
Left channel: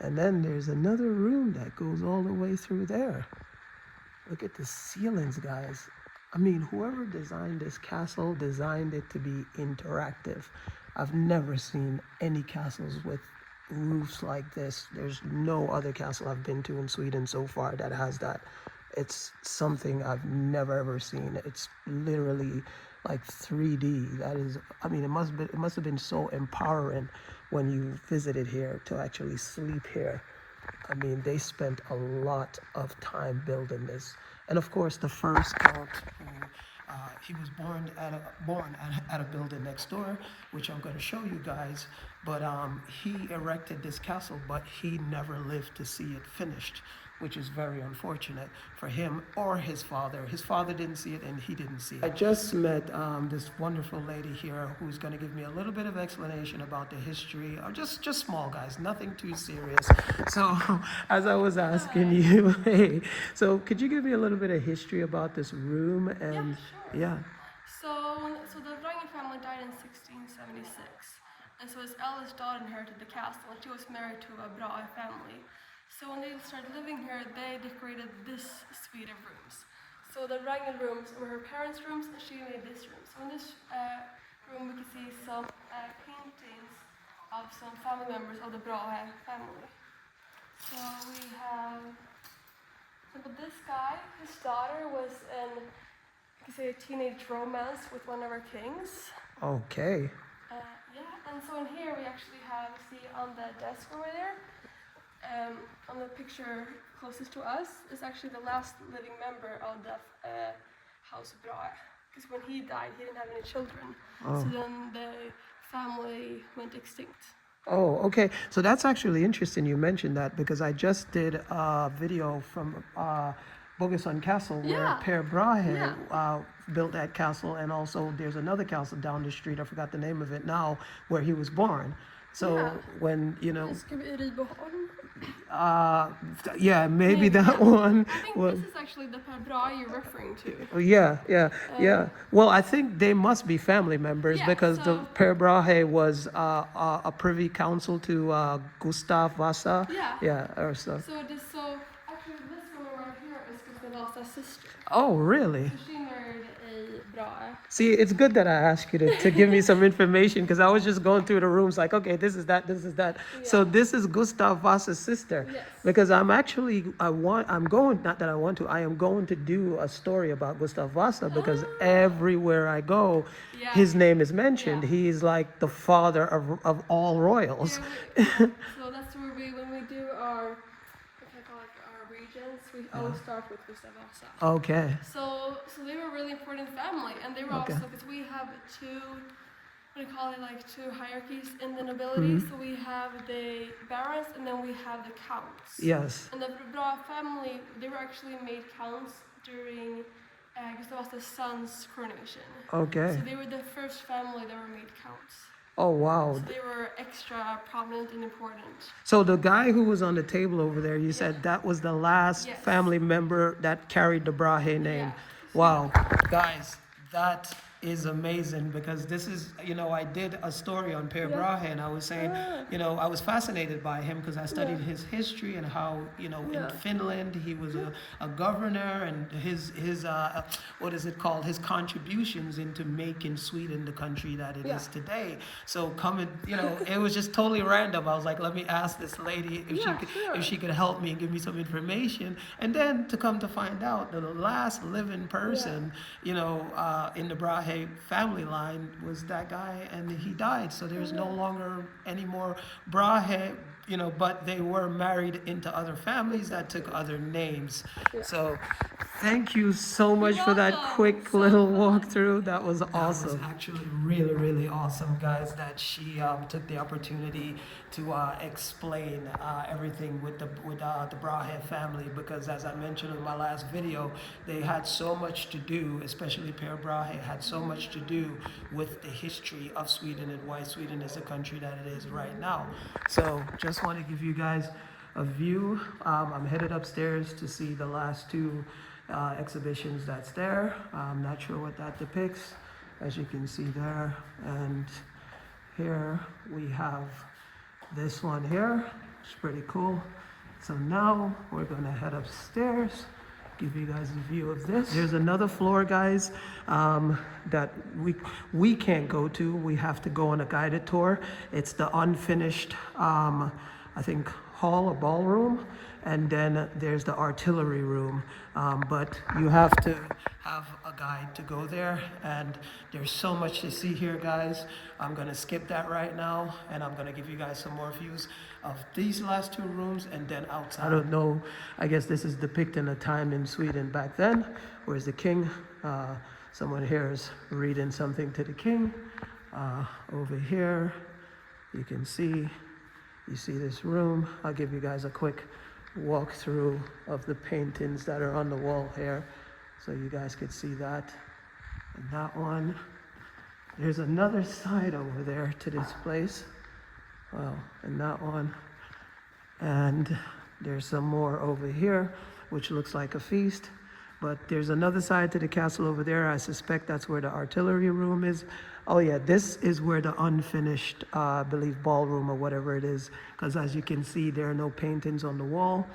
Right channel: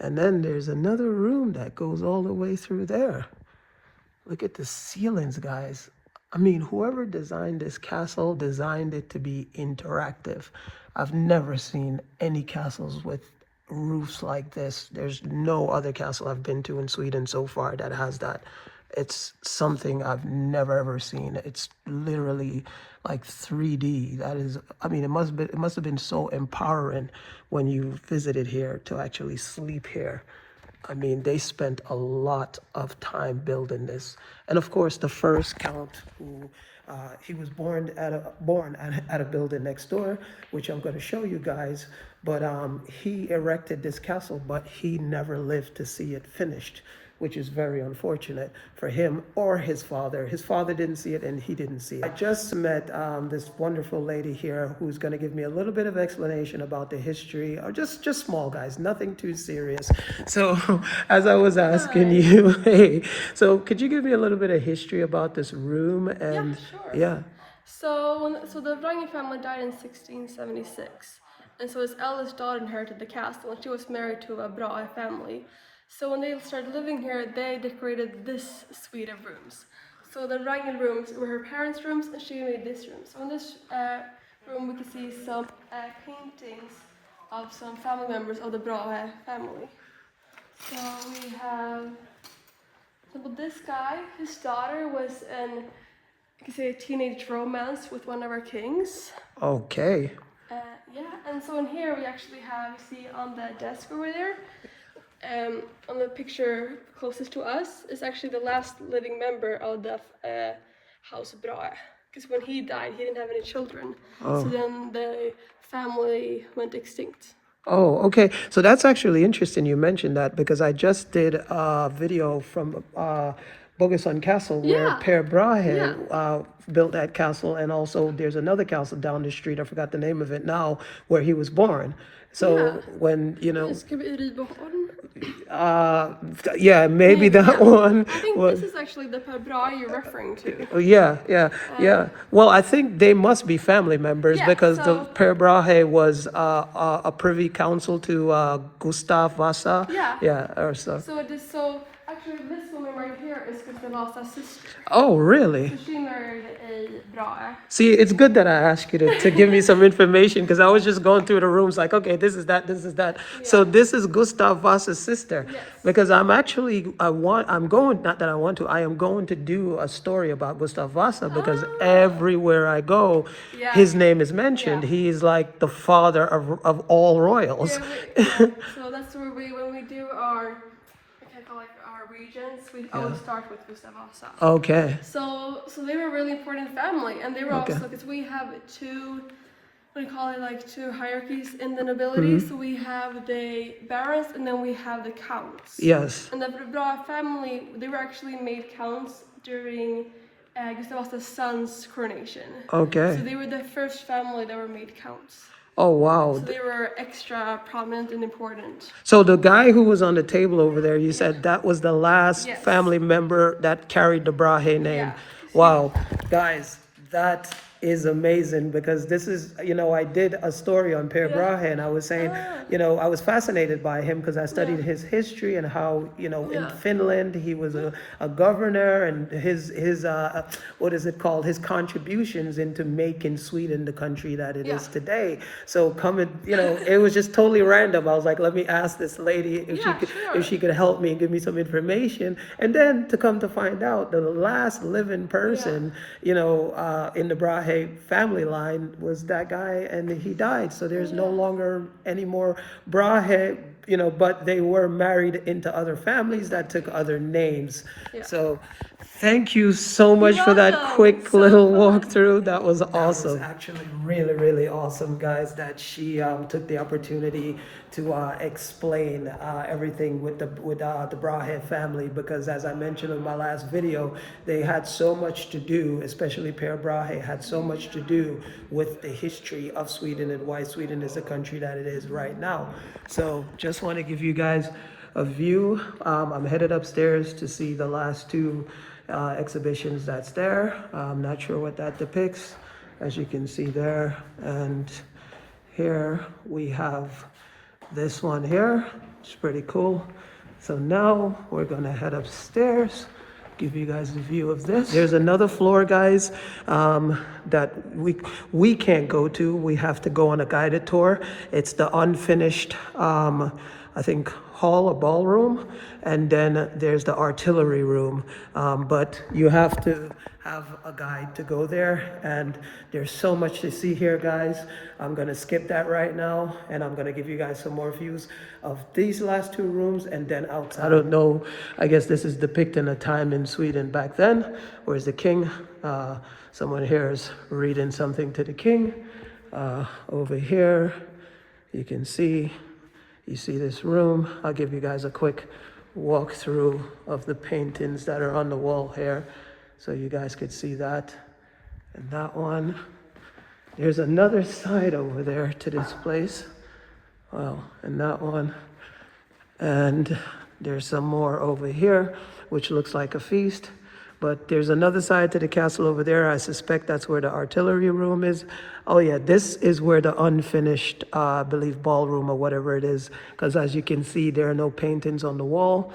And then there's another room that goes all the way through there. Look at the ceilings, guys. I mean, whoever designed this castle designed it to be interactive. I've never seen any castles with roofs like this. There's no other castle I've been to in Sweden so far that has that. It's something I've never ever seen. It's literally like 3D. That is, I mean, it must have been so empowering when you visited here to actually sleep here. I mean, they spent a lot of time building this. And of course, the first count, who he was born at a building next door, which I'm going to show you guys. But he erected this castle, but he never lived to see it finished, which is very unfortunate for him or his father. His father didn't see it and he didn't see it. I just met this wonderful lady here who's gonna give me a little bit of explanation about the history, or just small, guys, nothing too serious. So as I was asking you, hey, so could you give me a little bit of history about this room? And yeah, sure. So the Wrangel family died in 1676. And so his eldest daughter inherited the castle, and she was married to a Brahe family. So when they started living here, they decorated this suite of rooms. So the Wrangel rooms were her parents' rooms, and she made this room. So in this room, we can see some paintings of some family members of the Brahe family. So we have, for example, this guy, his daughter was in, you can say, a teenage romance with one of our kings. Okay. Yeah, and so in here we actually have, see on the desk over there, on the picture closest to us, is actually the last living member of the House Brahe. Because when he died, he didn't have any children. Oh. So then the family went extinct. Oh, okay. So that's actually interesting you mentioned that, because I just did a video from Ujazdów Castle where Per Brahe built that castle, and also there's another castle down the street, I forgot the name of it now, where he was born. So when, you know, maybe that one. I think this is actually the Per Brahe you're referring to. Yeah. Well, I think they must be family members, because the Per Brahe was a privy council to Gustaf Vasa. Yeah. Or so. So it is so. actually, this woman right here is Gustav Vasa's sister. Oh, really? So she married a Brahe. See, it's good that I asked you to give me some information because I was just going through the rooms like, okay, this is that, this is that. So this is Gustav Vasa's sister. Yes. Because I'm going, not that I want to, I am going to do a story about Gustav Vasa because everywhere I go, his name is mentioned. Yeah. He is like the father of all royals. So that's where when we do our, our regions, we always start with Gustav Vasa. Okay. So they were a really important family, and they were also, because we have two, two hierarchies in the nobility. So we have the barons, and then we have the counts. Yes. And the Brahe family, they were actually made counts during Gustav Vasa's son's coronation. Okay. So they were the first family that were made counts. Oh, wow. So they were extra prominent and important. So the guy who was on the table over there, you said that was the last family member that carried the Brahe name. Yeah. Wow. Guys, that is amazing because this is, I did a story on Per Brahe and I was saying, I was fascinated by him because I studied his history and how, in Finland he was a governor and his what is it called? His contributions into making Sweden the country that it is today. So it was just totally random. I was like, let me ask this lady if she could help me and give me some information. And then to come to find out, the last living person, in the Brahe family line was that guy, and he died. So there's no longer any more Brahe, but they were married into other families that took other names. So thank you so much for that quick little walkthrough. That was awesome. That was actually really, really awesome, guys, that she took the opportunity to explain everything with the Brahe family, because as I mentioned in my last video, they had so much to do, especially Per Brahe had so much to do with the history of Sweden and why Sweden is the country that it is right now. So just want to give you guys a view. I'm headed upstairs to see the last two exhibitions that's there. I'm not sure what that depicts, as you can see there. And here we have this one here. It's pretty cool. So now we're gonna head upstairs, give you guys a view of this. There's another floor, guys, that we can't go to. We have to go on a guided tour. It's the unfinished, I think, hall or ballroom, and then there's the artillery room, but you have to have a guide to go there, and there's so much to see here, guys. I'm gonna skip that right now, and I'm gonna give you guys some more views of these last two rooms and then outside. I don't know, I guess this is depicting a time in Sweden back then. Where's the king? Someone here is reading something to the king. Over here, you can see, you see this room. I'll give you guys a quick walkthrough of the paintings that are on the wall here, so you guys could see that. And that one. There's another side over there to this place. Well, and that one. And there's some more over here, which looks like a feast. But there's another side to the castle over there. I suspect that's where the artillery room is. Oh yeah, this is where the unfinished, I believe, ballroom or whatever it is. Because as you can see, there are no paintings on the wall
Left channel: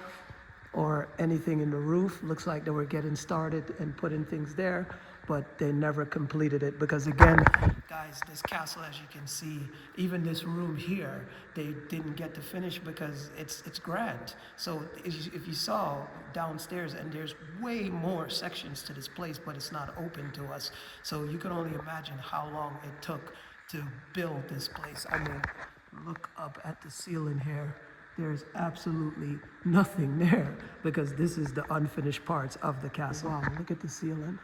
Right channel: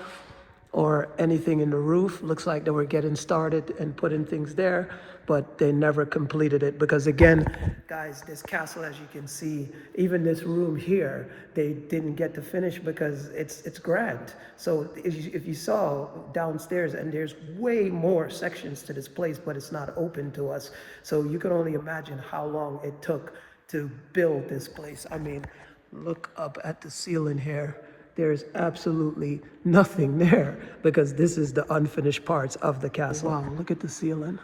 or anything in the roof. Looks like they were getting started and putting things there, but they never completed it. Because again, guys, this castle, as you can see, even this room here, they didn't get to finish because it's grand. So if you saw downstairs, and there's way more sections to this place, but it's not open to us. So you can only imagine how long it took to build this place. I mean, look up at the ceiling here. There's absolutely nothing there because this is the unfinished parts of the castle. Wow, look at the ceiling.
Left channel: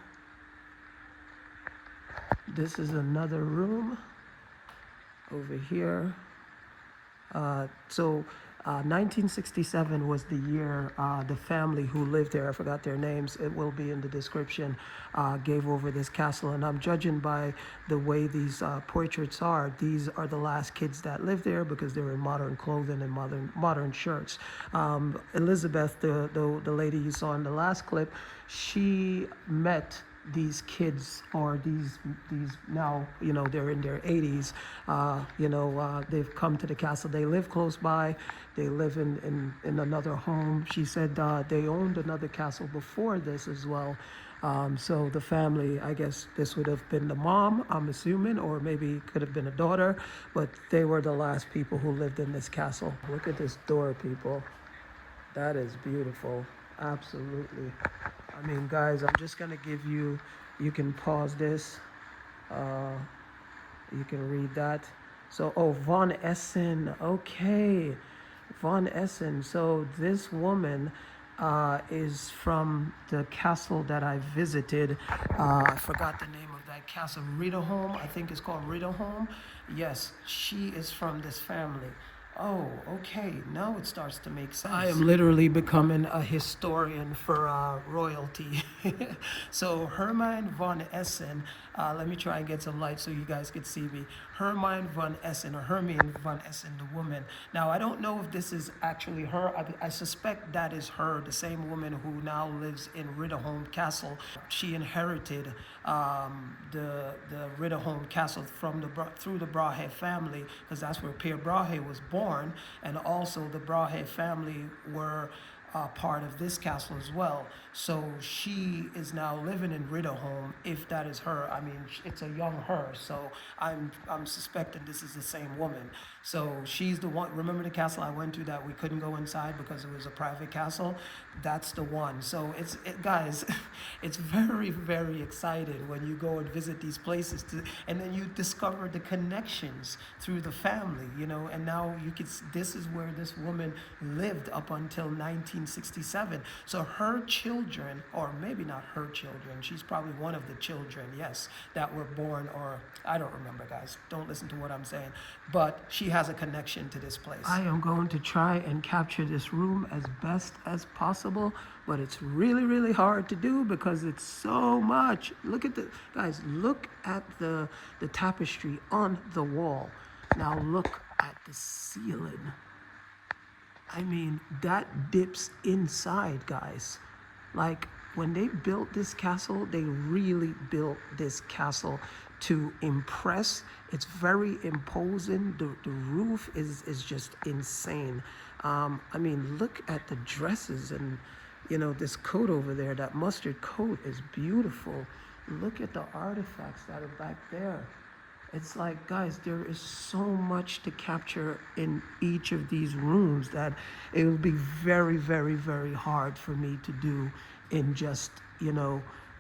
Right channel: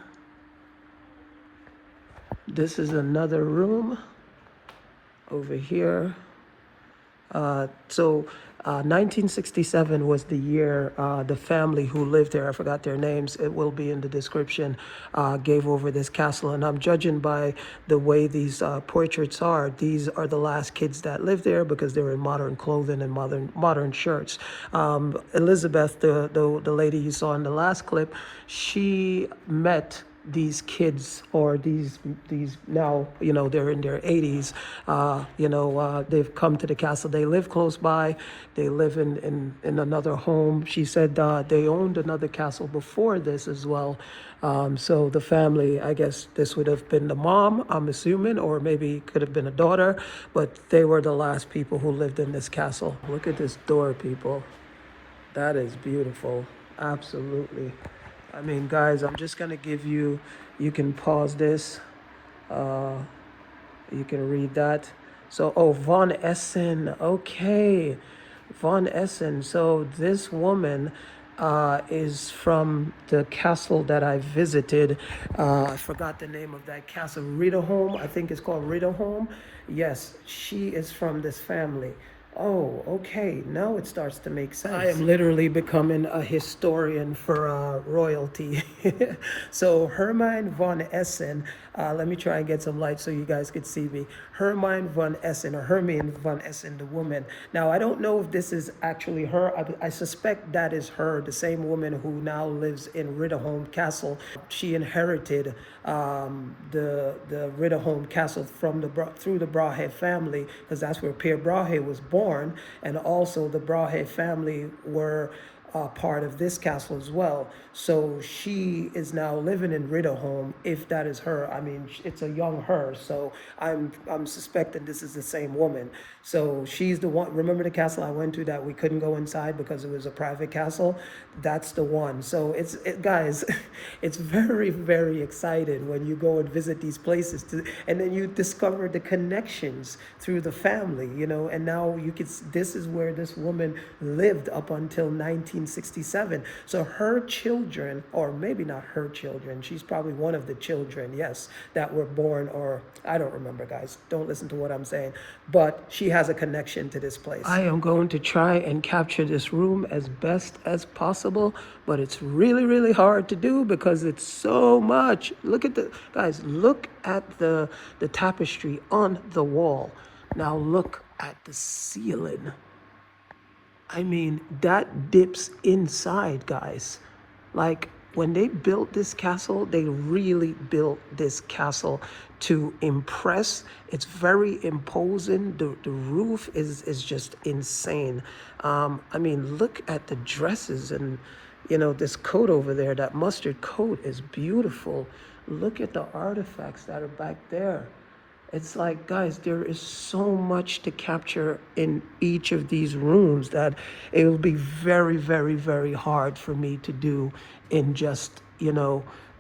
This is another room over here. 1967 was the year the family who lived there, I forgot their names, it will be in the description, gave over this castle. And I'm judging by the way these portraits are, these are the last kids that lived there because they were in modern clothing and modern shirts. Elizabeth, the lady you saw in the last clip, she met these kids, or these now, they're in their 80s, they've come to the castle. They live close by. They live in another home. She said they owned another castle before this as well. So the family, I guess this would have been the mom, I'm assuming, or maybe could have been a daughter, but they were the last people who lived in this castle. Look at this door, people. That is beautiful. Absolutely. I mean, guys, I'm just gonna give you can pause this. You can read that. So, oh, Von Essen. Okay. Von Essen. So this woman is from the castle that I visited. I forgot the name of that castle. Ridderholm, I think it's called Ridderholm. Yes, she is from this family. Oh, okay. Now it starts to make sense. I am literally becoming a historian for royalty. So Hermine von Essen, let me try and get some light so you guys could see me. Hermine von Essen, or Hermine von Essen, the woman. Now, I don't know if this is actually her. I suspect that is her, the same woman who now lives in Ridderholm Castle. She inherited the Ridderholm Castle through the Brahe family, because that's where Pierre Brahe was born, and also the Brahe family were part of this castle as well. So she is now living in Ridderholm, if that is her. I mean, it's a young her, so I'm suspecting this is the same woman. So she's the one. Remember the castle I went to that we couldn't go inside because it was a private castle? That's the one. So guys, it's very, very exciting when you go and visit these places, and then you discover the connections through the family, and now this is where this woman lived up until 1967. So her children, or maybe not her children, she's probably one of the children, yes, that were born, or I don't remember, guys. Don't listen to what I'm saying. But she has a connection to this place. I am going to try and capture this room as best as possible, but it's really, really hard to do because it's so much. Look at guys, look at the tapestry on the wall. Now look at the ceiling. I mean, that dips inside, guys. Like, when they built this castle, they really built this castle to impress. It's very imposing. The roof is just insane. I mean, look at the dresses, and this coat over there, that mustard coat is beautiful. Look at the artifacts that are back there. It's like, guys, there is so much to capture in each of these rooms that it will be very, very, very hard for me to do in just,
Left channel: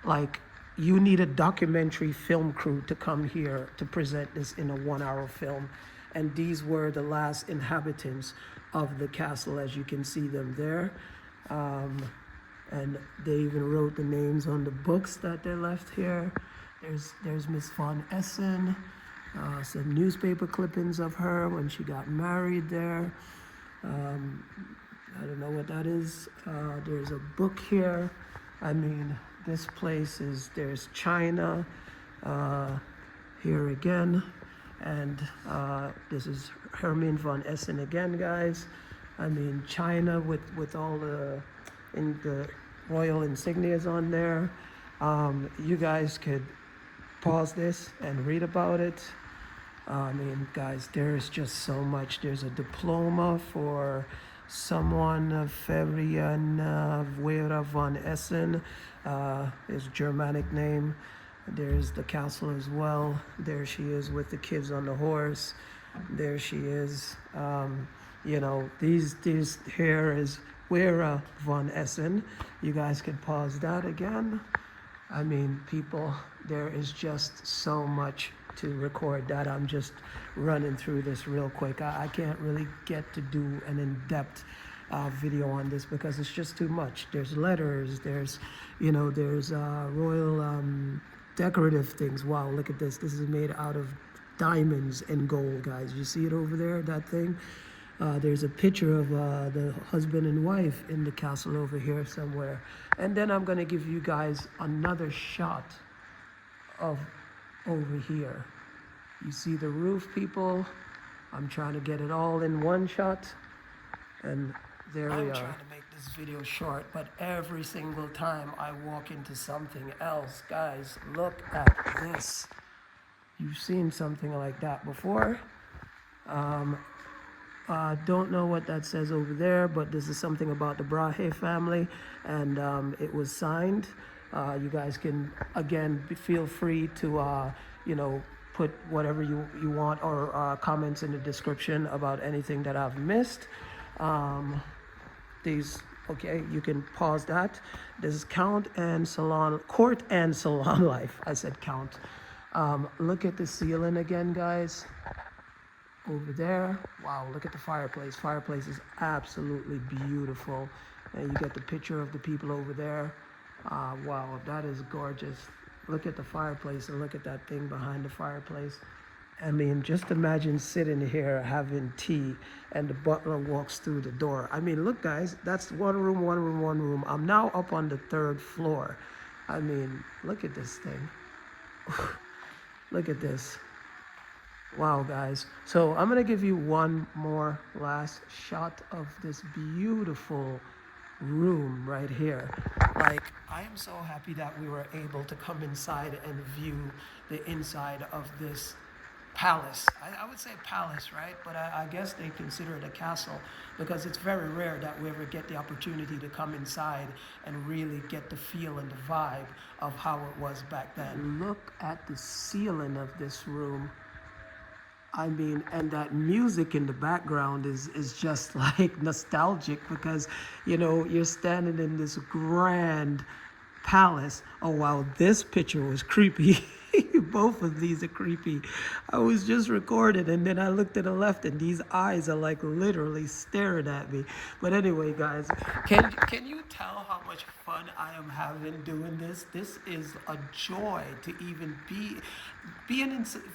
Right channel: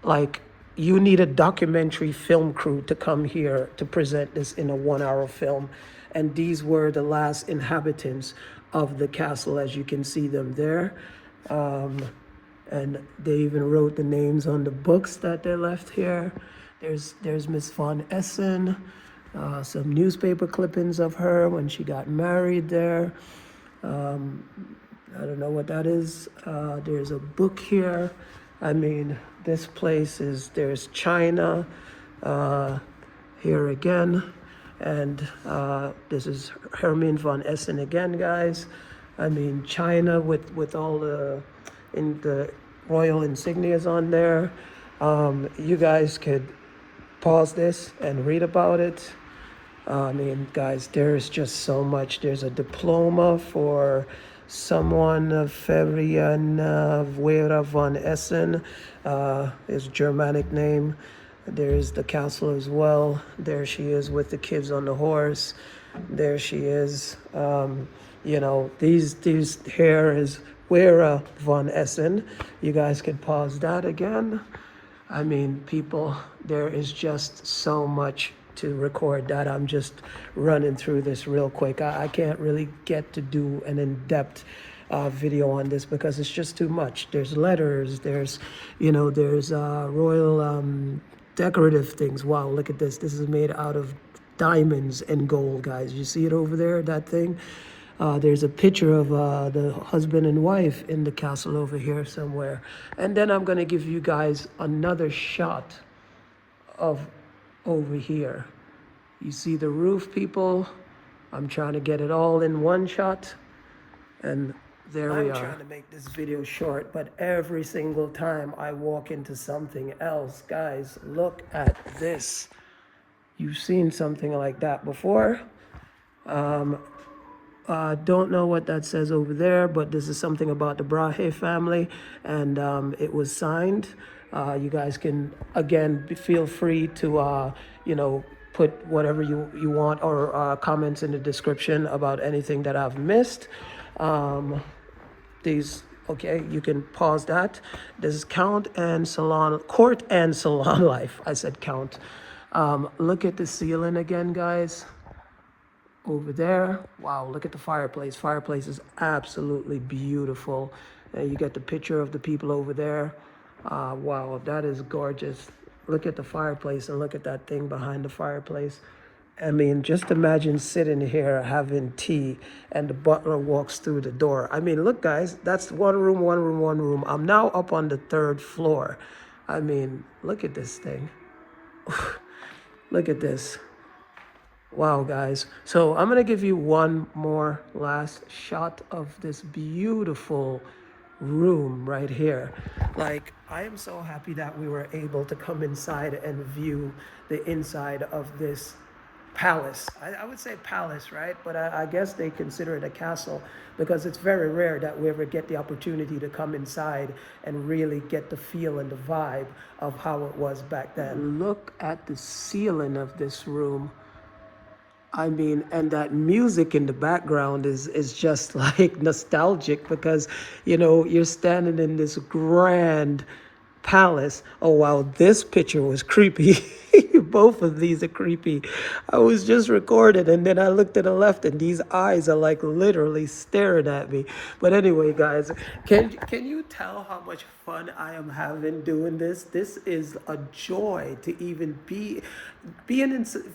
like, you need a documentary film crew to come here to present this in a 1-hour film. And these were the last inhabitants of the castle, as you can see them there. And they even wrote the names on the books that they left here. There's Miss von Essen, some newspaper clippings of her when she got married there. I don't know what that is. There's a book here. I mean, this place there's China here again. And this is Hermine von Essen again, guys. I mean, China with all the royal insignias on there. You guys could pause this and read about it. I mean, guys, there's just so much. There's a diploma for someone, Ferian Vera von Essen, his Germanic name. There's the castle as well. There she is with the kids on the horse. There she is. These here is Vera von Essen. You guys could pause that again. I mean, people, there is just so much to record that I'm just running through this real quick. I can't really get to do an in-depth video on this because it's just too much. There's letters, there's royal decorative things. Wow, look at this. This is made out of diamonds and gold, guys. You see it over there, that thing? There's a picture of the husband and wife in the castle over here somewhere. And then I'm gonna give you guys another shot of over here. You see the roof, people? I'm trying to get it all in one shot. And There we are. I'm trying to make this video short, but every single time I walk into something else, guys, look at this. You've seen something like that before. Don't know what that says over there, but this is something about the Brahe family, and it was signed. You guys can, again, feel free to, you know, put whatever you want or comments in the description about anything that I've missed. Okay, you can pause that. This is court and salon life. I said count. Look at the ceiling again, guys. Over there. Wow, look at the fireplace. Fireplace is absolutely beautiful. And you get the picture of the people over there. Wow, that is gorgeous. Look at the fireplace and look at that thing behind the fireplace. I mean, just imagine sitting here having tea and the butler walks through the door. I mean, look, guys, that's one room, one room, one room. I'm now up on the 3rd floor. I mean, look at this thing. Look at this. Wow, guys. So I'm going to give you one more last shot of this beautiful room right here. Like, I am so happy that we were able to come inside and view the inside of this palace. I would say palace, right? But I guess they consider it a castle because it's very rare that we ever get the opportunity to come inside and really get the feel and the vibe of how it was back then. Look at the ceiling of this room. I mean, and that music in the background is just like nostalgic because, you know, you're standing in this grand palace. Oh, wow, this picture was creepy. Both of these are creepy. I was just recording and then I looked to the left and these eyes are like literally staring at me. But anyway, guys, can you tell how much fun I am having doing this? This is a joy to even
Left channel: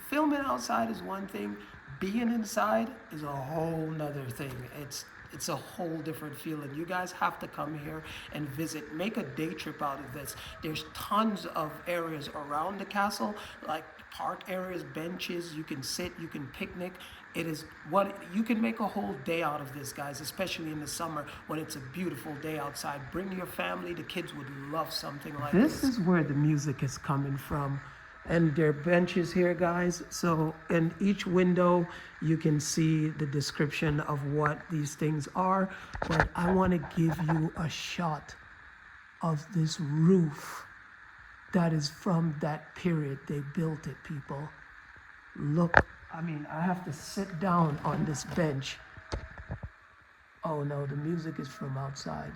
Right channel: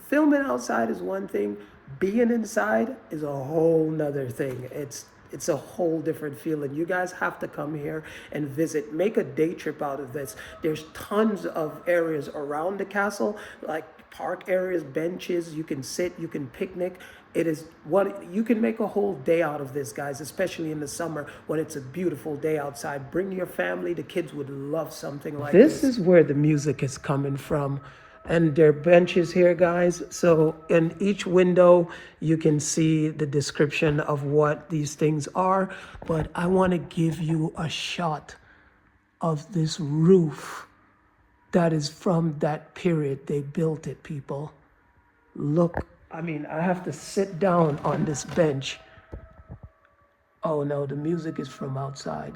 filming outside is one thing. Being inside is a whole nother thing. It's a whole different feeling. You guys have to come here and visit. Make a day trip out of this. There's tons of areas around the castle, like park areas, benches. You can sit, you can picnic. It is what you can make a whole day out of this, guys, especially in the summer when it's a beautiful day outside. Bring your family. The kids would love something like this. This is where the music is coming from. And there are benches here, guys. So in each window, you can see the description of what these things are. But I want to give you a shot of this roof that is from that period. They built it, people. Look, I mean, I have to sit down on this bench. Oh no, the music is from outside.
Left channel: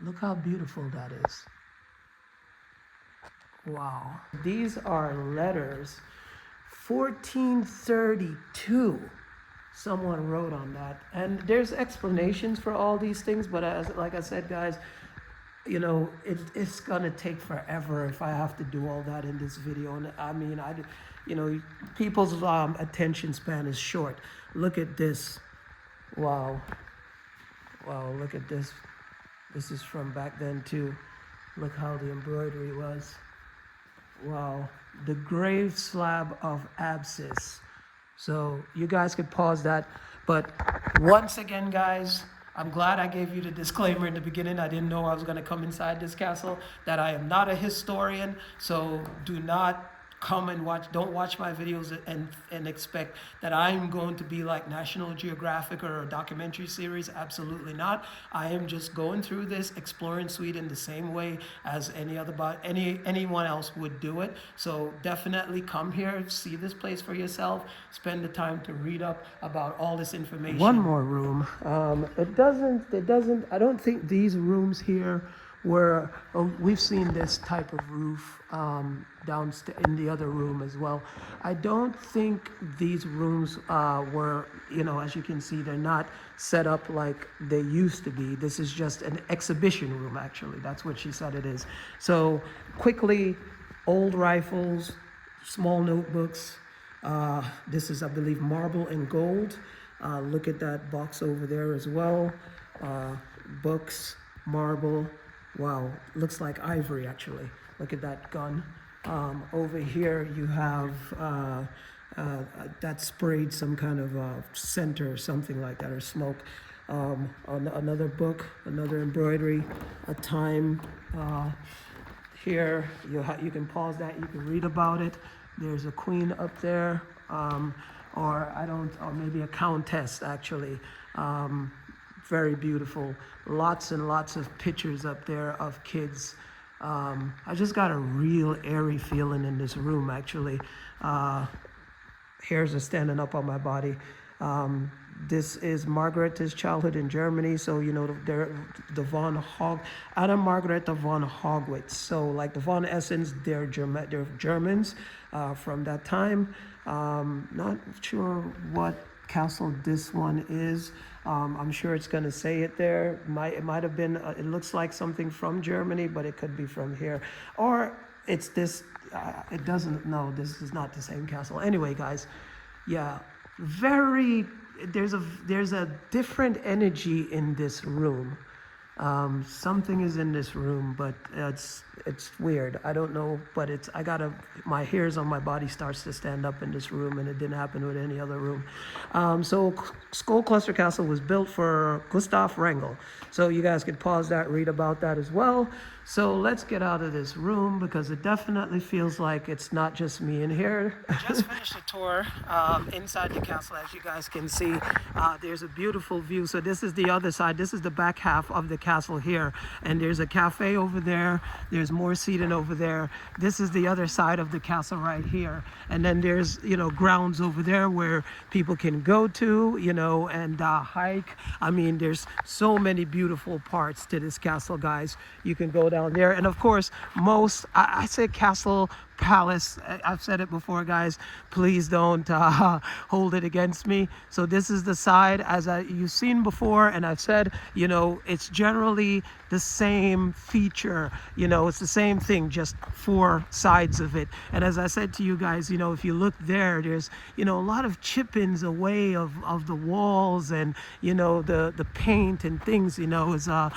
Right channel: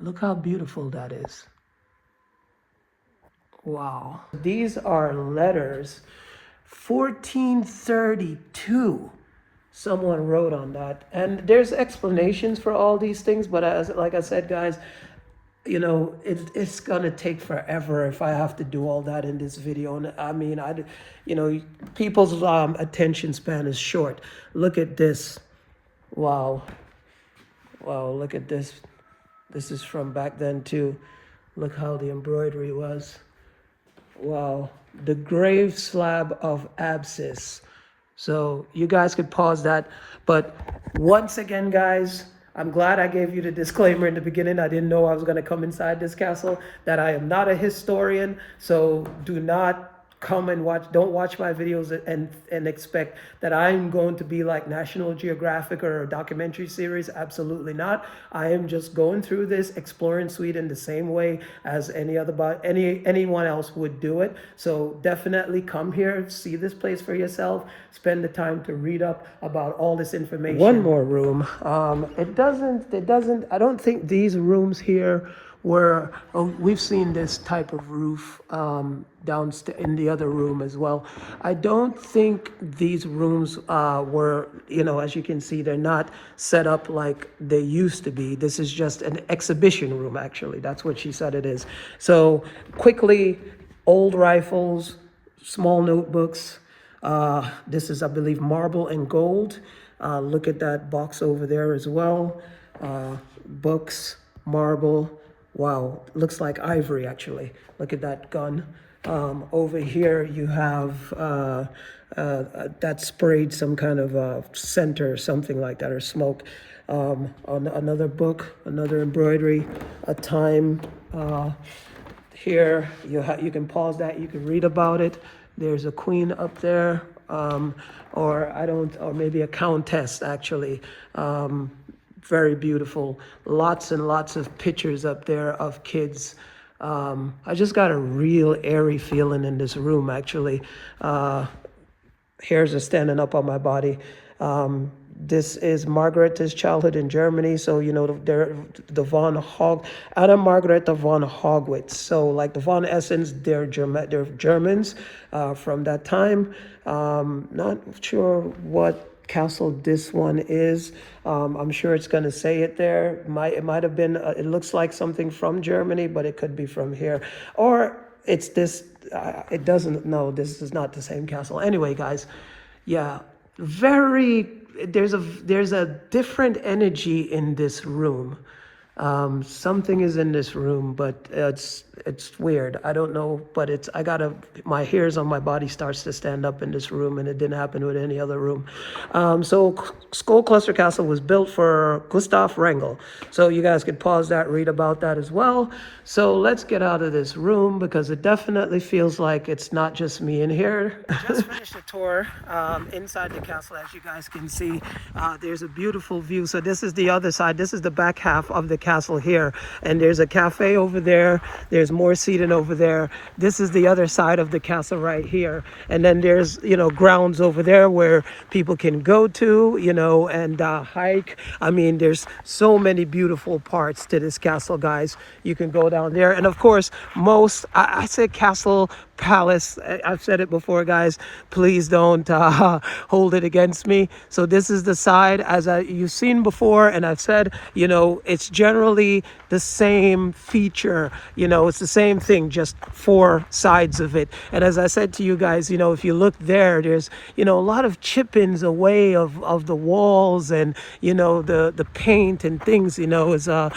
Look how beautiful that is. Wow. These are letters, 1432. Someone wrote on that. And there's explanations for all these things, but like I said, guys, you know, it's gonna take forever if I have to do all that in this video. And I mean, you know, people's attention span is short. Look at this. Wow. Wow, look at this. This is from back then too. Look how the embroidery was. Wow, the grave slab of abscess. So you guys could pause that. But once again, guys, I'm glad I gave you the disclaimer in the beginning. I didn't know I was going to come inside this castle, that I am not a historian. So do not come and don't watch my videos and expect that I'm going to be like National Geographic or a documentary series. Absolutely not. I am just going through this, exploring Sweden the same way as anyone else would do it. So definitely come here, see this place for yourself, spend the time to read up about all this information. One more room. I don't think these rooms here where we've seen this type of roof downstairs in the other room as well. I don't think these rooms were, you know, as you can see, they're not set up like they used to be. This is just an exhibition room, actually. That's what she said it is. So quickly, old rifles, small notebooks. This is, I believe, marble and gold. Look at that box over there as well. Books, marble. Wow, looks like ivory actually. Look at that gun. Over here you have that sprayed some kind of scent or something like that, or smoke. Another book, another embroidery, a time. Here you can pause that. You can read about it. There's a queen up there, or maybe a countess actually. Very beautiful. Lots and lots of pictures up there of kids. I just got a real airy feeling in this room actually. Hairs are standing up on my body. This is Margaret's childhood in Germany. So, you know, the von Hog, Anna Margareta von Hogwitz. So like the von Essens, they're Germans from that time. Not sure what castle this one is. I'm sure it's going to say it there. It might have been, it looks like something from Germany, but it could be from here. Or it's this, it doesn't, no, this is not the same castle. Anyway, guys, yeah, there's a different energy in this room. Something is in this room, but it's weird. I don't know, but my hairs on my body starts to stand up in this room, and it didn't happen with any other room. So Skolkloster Castle was built for Gustaf Wrangel. So you guys could pause that, read about that as well. So let's get out of this room because it definitely feels like it's not just me in here. Just finished the tour inside the castle, as you guys can see. There's a beautiful view. So this is the other side. This is the back half of the castle here, and there's a cafe over there. There's more seating over there. This is the other side of the castle right here, and then there's, you know, grounds over there where people can go to, you know, and hike. I mean, there's so many beautiful parts to this castle, guys. You can go down there, and of course, I say castle, palace. I've said it before, guys. Please don't hold it against me. So this is the side, as you've seen before, and I've said, you know, it's generally the same feature. You know, it's the same thing, just four sides of it. And as I said to you guys, you know, if you look there, there's, you know, a lot of chippings away of the walls, and, you know, the paint and things, you know, is I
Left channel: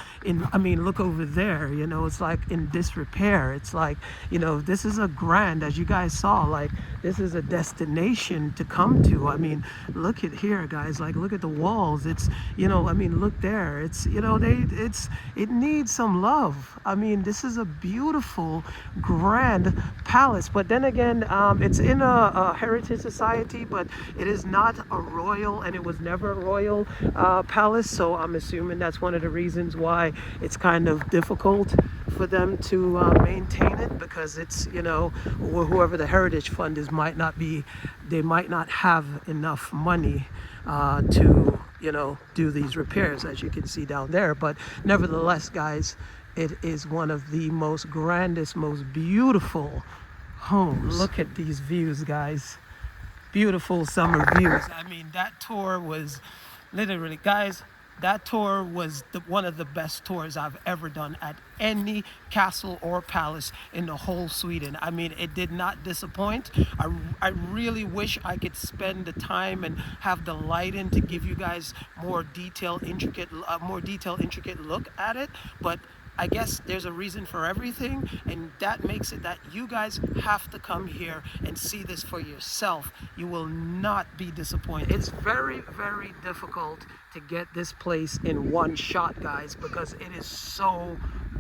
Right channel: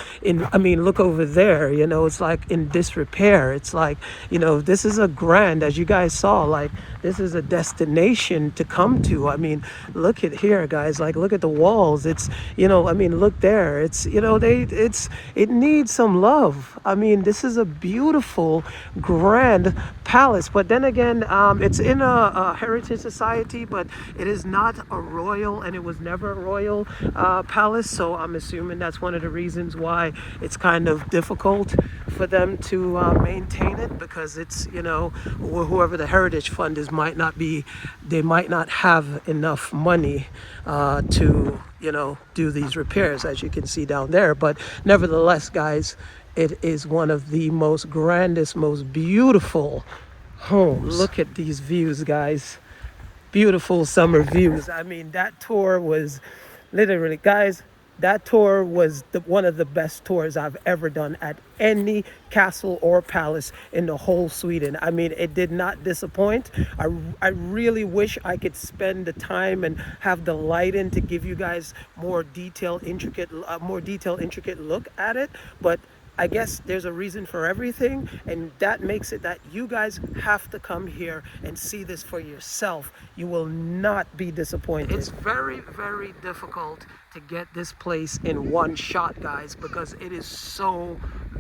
mean, look over there, you know, it's like in disrepair. It's like, you know, this is a grand, as you guys saw, like this is a destination to come to. I mean, look at here, guys, like look at the walls. It's, you know, I mean, look there. It's, you know, it needs some love. I mean, this is a beautiful, grand palace, but then again, it's in a heritage society, but it is not a royal, and it was never a royal palace. So I'm assuming that's one of the reasons why it's kind of difficult for them to maintain it, because it's, you know, whoever the heritage fund is might not have enough money to, you know, do these repairs, as you can see down there. But nevertheless, guys, it is one of the most grandest, most beautiful homes. Look at these views, guys. Beautiful summer views. I mean, that tour was literally, guys, that tour was one of the best tours I've ever done at any castle or palace in the whole Sweden. I mean, it did not disappoint. I really wish I could spend the time and have the light in to give you guys more detailed, intricate look at it. But I guess there's a reason for everything, and that makes it that you guys have to come here and see this for yourself. You will not be disappointed. It's very, very difficult to get this place in one shot, guys, because it is so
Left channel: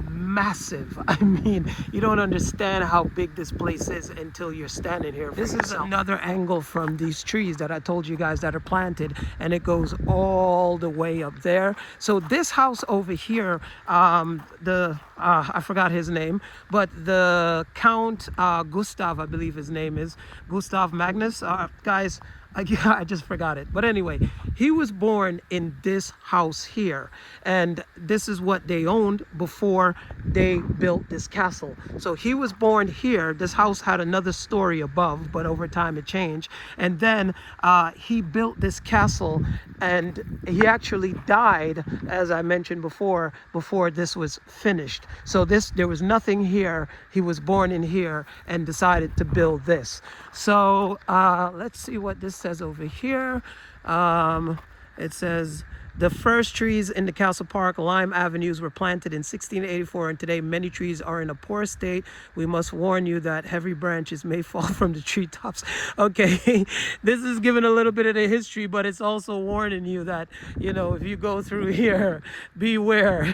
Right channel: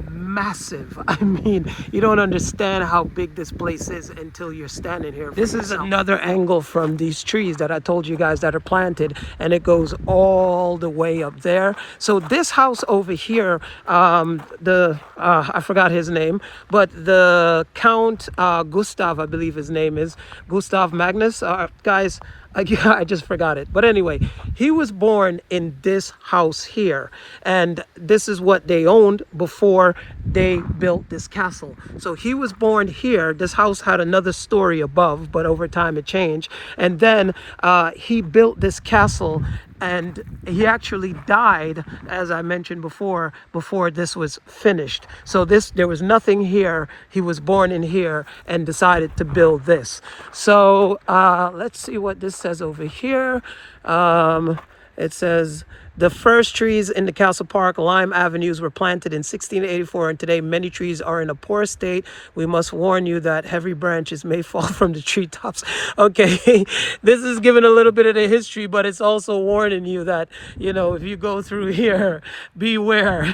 massive. I mean, you don't understand how big this place is until you're standing here. This is another angle from these trees that I told you guys that are planted, and it goes all the way up there. So this house over here, I forgot his name, but the Count Gustav, I believe his name is Gustav Magnus, guys, I just forgot it. But anyway, he was born in this house here, and this is what they owned before they built this castle. So he was born here. This house had another story above, but over time it changed. And then he built this castle, and he actually died, as I mentioned before this was finished. So there was nothing here. He was born in here and decided to build this. So let's see what this says over here. It says The first trees in the castle park, lime avenues, were planted in 1684, and today many trees are in a poor state. We must warn you that heavy branches may fall from the treetops. Okay, this is giving a little bit of the history, but it's also warning you that, you know, if you go through here, beware,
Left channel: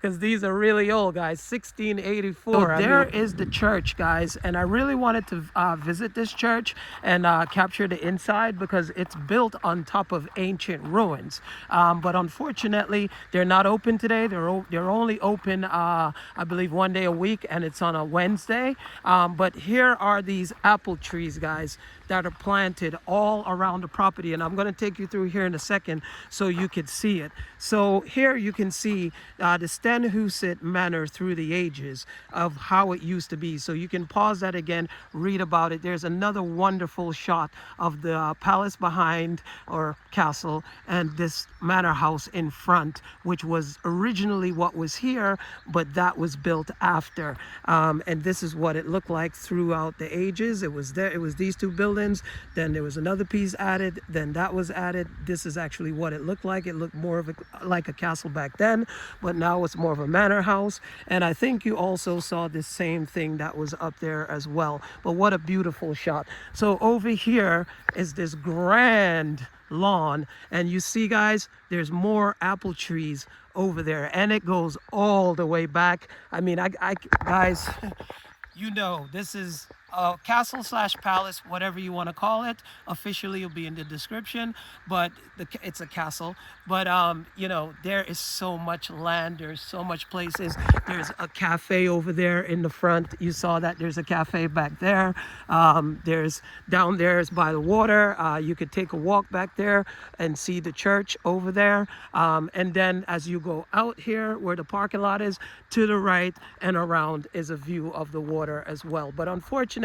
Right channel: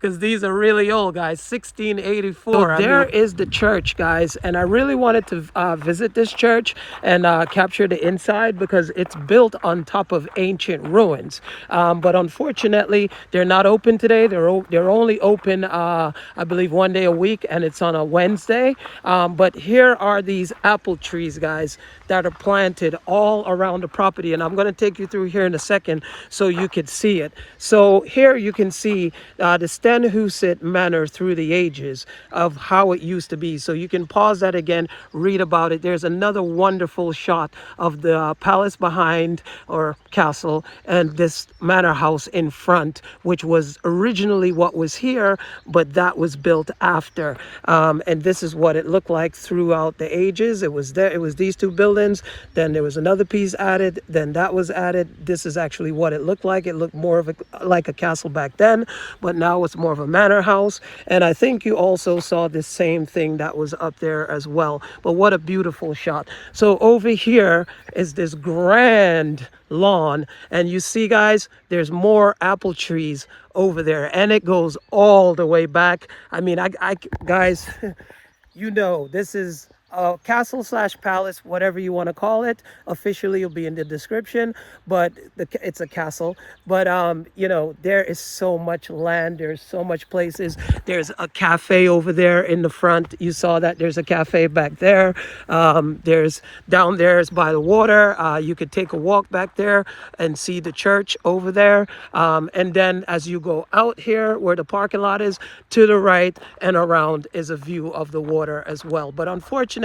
because these are really old, guys. 1684. So there is the church, guys, and I really wanted to visit this church and capture the inside because it's built on top of ancient ruins. But unfortunately, they're not open today. They're only open, I believe, one day a week, and it's on a Wednesday. But here are these apple trees, guys, that are planted all around the property, and I'm going to take you through here in a second so you could see it. So here you can see the Stenhuset manor through the ages of how it used to be. So you can pause that again, read about it. There's another wonderful shot of the palace behind, or castle, and this manor house in front, which was originally what was here, but that was built after. And this is what it looked like throughout the ages. It was there. It was these two buildings. Then there was another piece added. Then that was added. This is actually what it looked like. It looked more of like a castle back then, but now it's more of a manor house. And I think you also saw the same thing that was up there as well. But what a beautiful shot. So over here is this grand lawn, and you see, guys, there's more apple trees over there, and it goes all the way back. I mean, I guys, you know, this is a castle slash palace, whatever you want to call it. Officially, it'll be in the description, but it's a castle. But you know, there is so much land. There's so much places. There's a cafe over there in the front. You saw that. There's a cafe back there. There's down there is by the water. You could take a walk back there and see the church over there. And then as you go out here where the parking lot is, to the right and around is a view of the water as well. But unfortunately,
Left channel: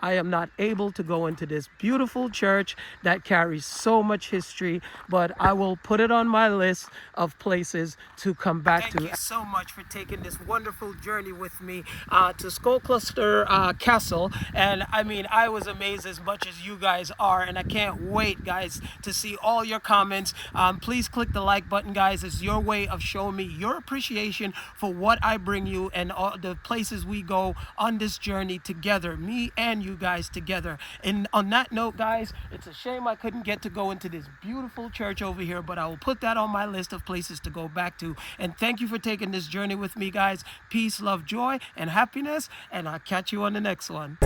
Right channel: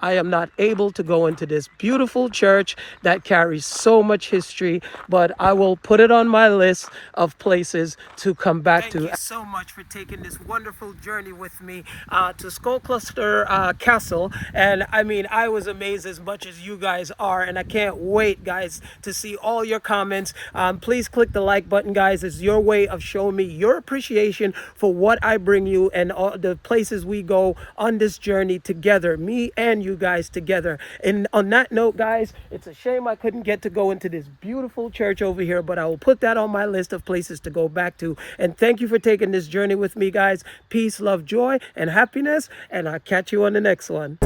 I am not able to go into this beautiful church that carries so much history, but I will put it on my list of places to come back to. Thank you so much for taking this wonderful journey with me to Skolkloster Castle. And I mean, I was amazed as much as you guys are, and I can't wait, guys, to see all your comments. Please click the like button, guys. It's your way of showing me your appreciation for what I bring you and all the places we go on this journey together, me and you guys together. And on that note, guys, it's a shame I couldn't get to go into this beautiful church over here, but I will put that on my list of places to go back to. And thank you for taking this journey with me, guys. Peace, love, joy, and happiness, and I'll catch you on the next one.